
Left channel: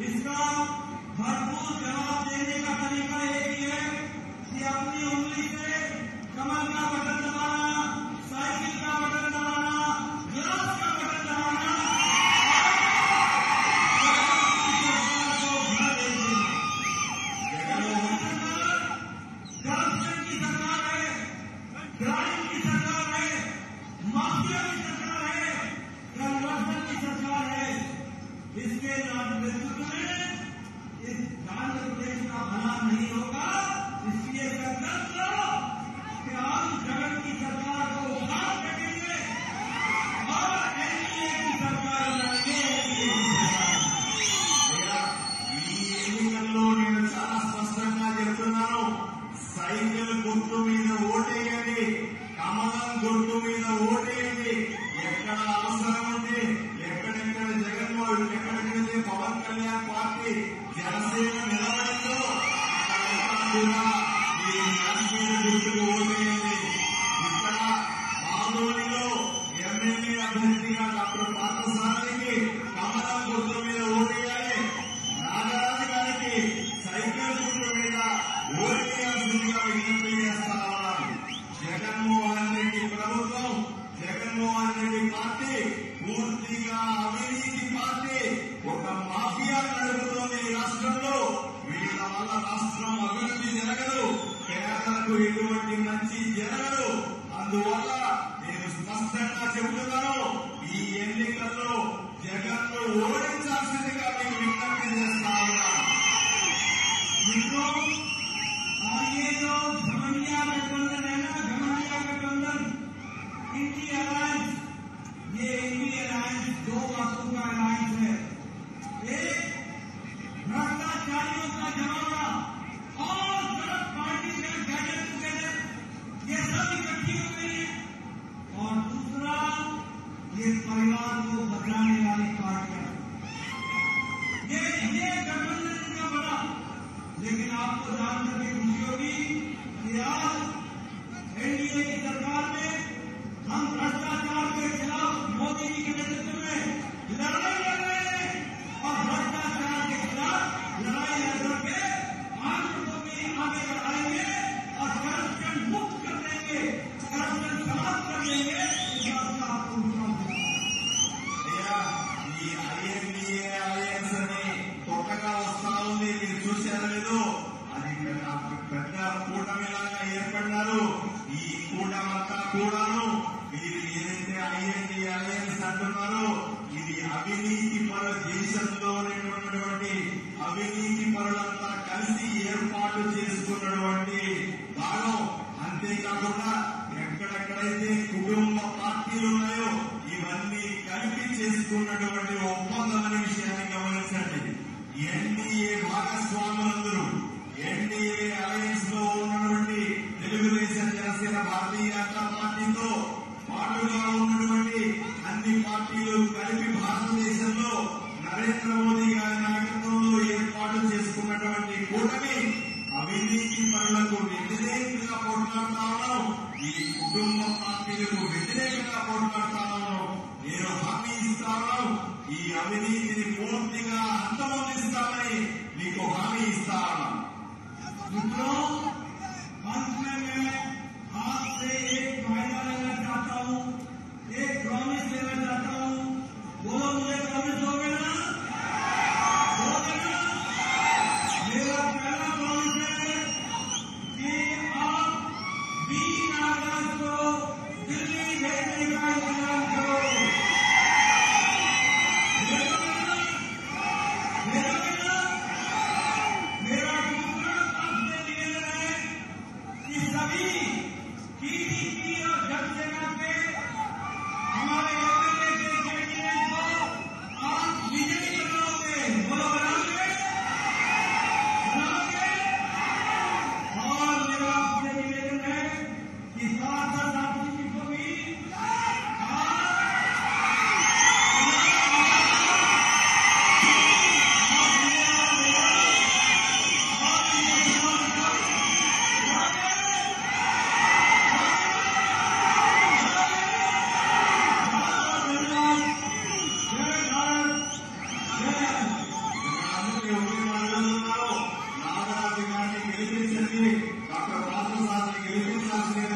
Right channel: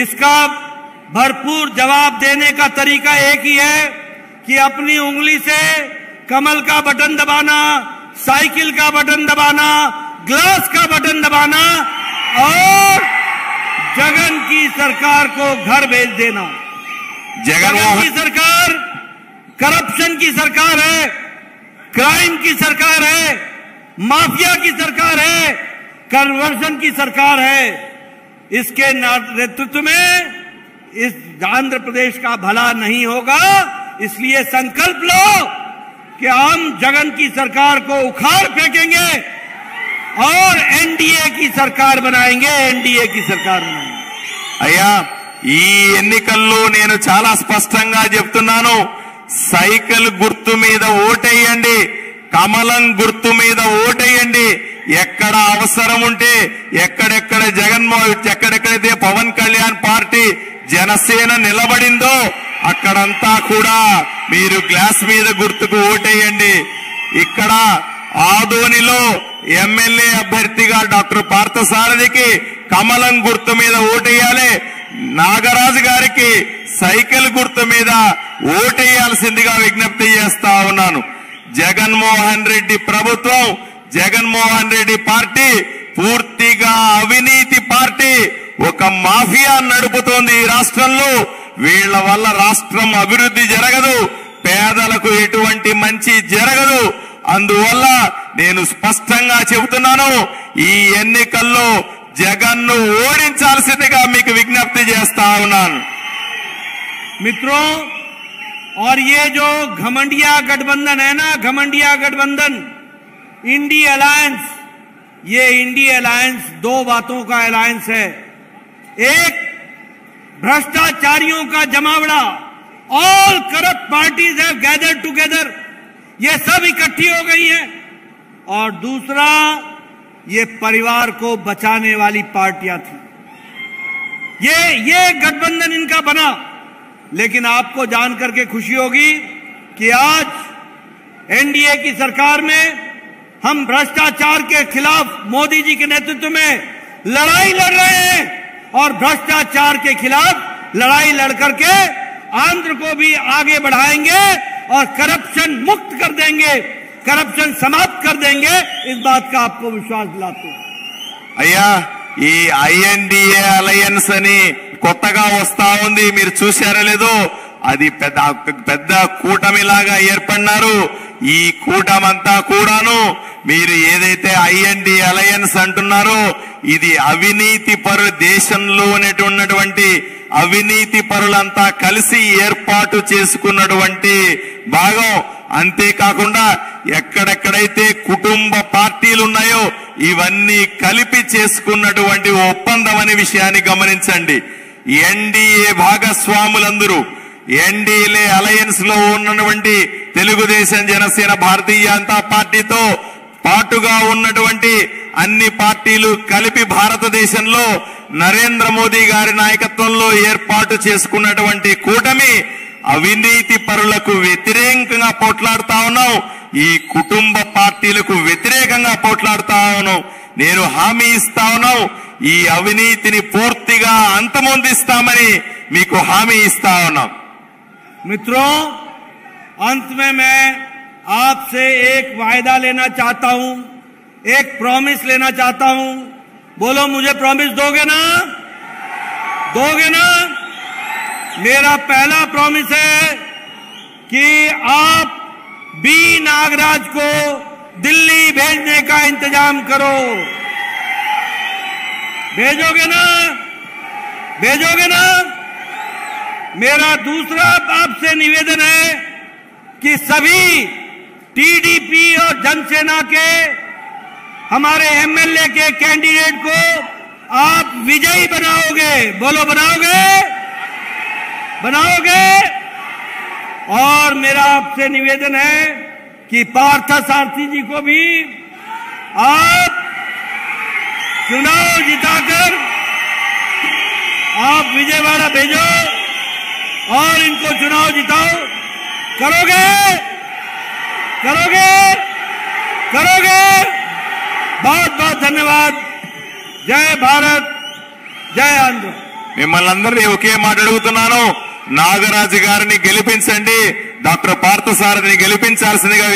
इसका भरपूर जवाब देने का तरीका एक ही है कि अपनी उंगली से कमल का बटन दबाना, साइकिल का बटन दबाना, ग्लास का बटन दबाना और जगन की सरकार को घर भेज देना. जगन की सरकार करप्शन की सरकार है, क्राइम की सरकार है, माफिया की सरकार है, कन्वर्शन की सरकार है. इसके नेतृत्व में इस आंध्र प्रदेश का भला नहीं होगा. इसलिए संकल्प लो कि हम जगन की सरकार को उखाड़ फेंकेंगे और एनडीए की सरकार बनाएंगे. एनडीए की सरकार बनाएंगे. అయ్యా, ఈ ఎన్నికల్లో నేను చాలా స్పష్టంగా చెప్తున్నాను. సైకిల్ గుర్తు మీద ఓటేయండి, కమలం గుర్తు మీద ఓటేయండి. ఎక్కడ అవసరం ఉంటే ఎక్కడెక్కడైతే పవన్ కళ్యాణ్ పార్టీ, జనసేన నిలబడిందో అక్కడంతా కూడా మీరు గ్లాస్ మీద గుర్తుకు ఓటేయండి. ఇక్కడ ఆదోనిలో ఎమ్మెల్యే అభ్యర్థిగా డాక్టర్ పార్థసారథికి కమలం గుర్తు మీద ఓటేయాలి. నాగరాజు గారికి సైకిల్ గుర్తు మీద ఓటేయాల్సిందిగా విజ్ఞప్తి చేస్తా ఉన్నాను. జగన్మోహన్ రెడ్డి ప్రభుత్వం, జగన్మోహన్ రెడ్డి పార్టీ పూర్తిగా అవినీతి పార్టీ. ఒక మాఫియా నడుపుతోంది ఈ రాష్ట్రంలో. వీళ్ల వల్ల రాష్ట్రం అభివృద్ధి జరగదు, పేదలకు ఎటువంటి మంచి జరగదు. అందువల్ల నేను స్పష్టంగా చెబుతున్నాను, ఈ ఎన్నికల్లో జగన్ను ఓడించాల్సిందిగా మీకు విజ్ఞప్తి చేస్తా ఉన్నాను. मित्रों, और ये जो घमंडिया गठबंधन है ना, घमंडिया गठबंधन, इंडी अलायंस, ये इंडी अलायंस दो बातों का अलायंस है. एक, भ्रष्टाचारियों का जमावड़ा, all corrupt parties have gathered together, ये सब इकट्ठी हो गई हैं. और दूसरा, ये परिवार को बचाने वाली पार्टियां थी. ये गठबंधन इनका बना. लेकिन आपको जानकर के खुशी होगी कि आज एनडीए की सरकार में हम भ्रष्टाचार के खिलाफ मोदी जी के नेतृत्व में लड़ाई लड़ रहे हैं और भ्रष्टाचार के खिलाफ लड़ाई लड़कर के आंध्र को भी आगे बढ़ाएंगे और करप्शन मुक्त कर देंगे, करप्शन समाप्त कर देंगे. इस बात का आपको विश्वास दिलाते हैं. అయ్యా, ఈ ఐఎన్డిఏ అలయన్స్ అని కొత్తగా వస్తా ఉంది, మీరు చూశారో లేదో. అది పెద్ద కూటమిలాగా ఏర్పడినారు. ఈ కూటమంతా కూడాను మీరు ఏదైతే ఐఎన్డి అలయన్స్ అంటున్నారో ఇది అవినీతి పరు, దేశంలో ఉన్నటువంటి అవినీతి పరులంతా కలిసి ఏర్పాటు చేసుకున్నటువంటి భాగం. అంతేకాకుండా ఎక్కడెక్కడైతే కుటుంబ పార్టీలు ఉన్నాయో ఇవన్నీ కలిపి చేసుకున్నటువంటి ఒప్పందం అనే విషయాన్ని గమనించండి. ఎన్డీఏ భాగస్వాములందరూ, ఎన్డీఏ అలయన్స్ లో ఉన్నటువంటి తెలుగుదేశం, జనసేన, భారతీయ జనతా పార్టీతో పాటుగా ఉన్నటువంటి అన్ని పార్టీలు కలిపి భారతదేశంలో నరేంద్ర మోదీ గారి నాయకత్వంలో ఏర్పాటు చేసుకున్నటువంటి కూటమి అవినీతి పరులకు వ్యతిరేకంగా పోట్లాడుతా ఉన్నాం. ఈ కుటుంబ పార్టీలకు వ్యతిరేకంగా పోట్లాడుతా ఉన్నాం. నేను హామీ ఇస్తా ఉన్నాం, ఈ అవినీతిని పూర్తిగా అంతమొందిస్తామని మీకు హామీ ఇస్తా ఉన్నాం. मित्रों, अंत में मैं आपसे एक वायदा लेना चाहता हूं, एक प्रॉमिस लेना चाहता हूं। बोलो मुझे प्रॉमिस दोगे ना? दोगे ना? मेरा पहला प्रॉमिस है कि आप बी नागराज को दिल्ली भेजने का इंतजाम करो। भेजोगे ना? भेजोगे ना? मेरा दूसरा आपसे निवेदन है कि सभी टीडीपी और जनसेना के हमारे एमएलए के कैंडिडेट को आप विजयी बनाओगे। बोलो बनाओगे? बनाओगे? और मेरा आपसे निवेदन है कि पार्थ सारथी जी को भी आप चुनाव जिताकर आप विजयवाड़ा भेजो और इनको चुनाव जिताओ। करोगे? करोगे? करोगे? बहुत बहुत धन्यवाद। जय भारत, जय आंध्र। మిమ్మల్ని అందరినీ ఒకే మాట అడుగుతున్నాను, నాగరాజు గారిని గెలిపించండి, డాక్టర్ పార్థసారథిని గెలిపించాల్సిందిగా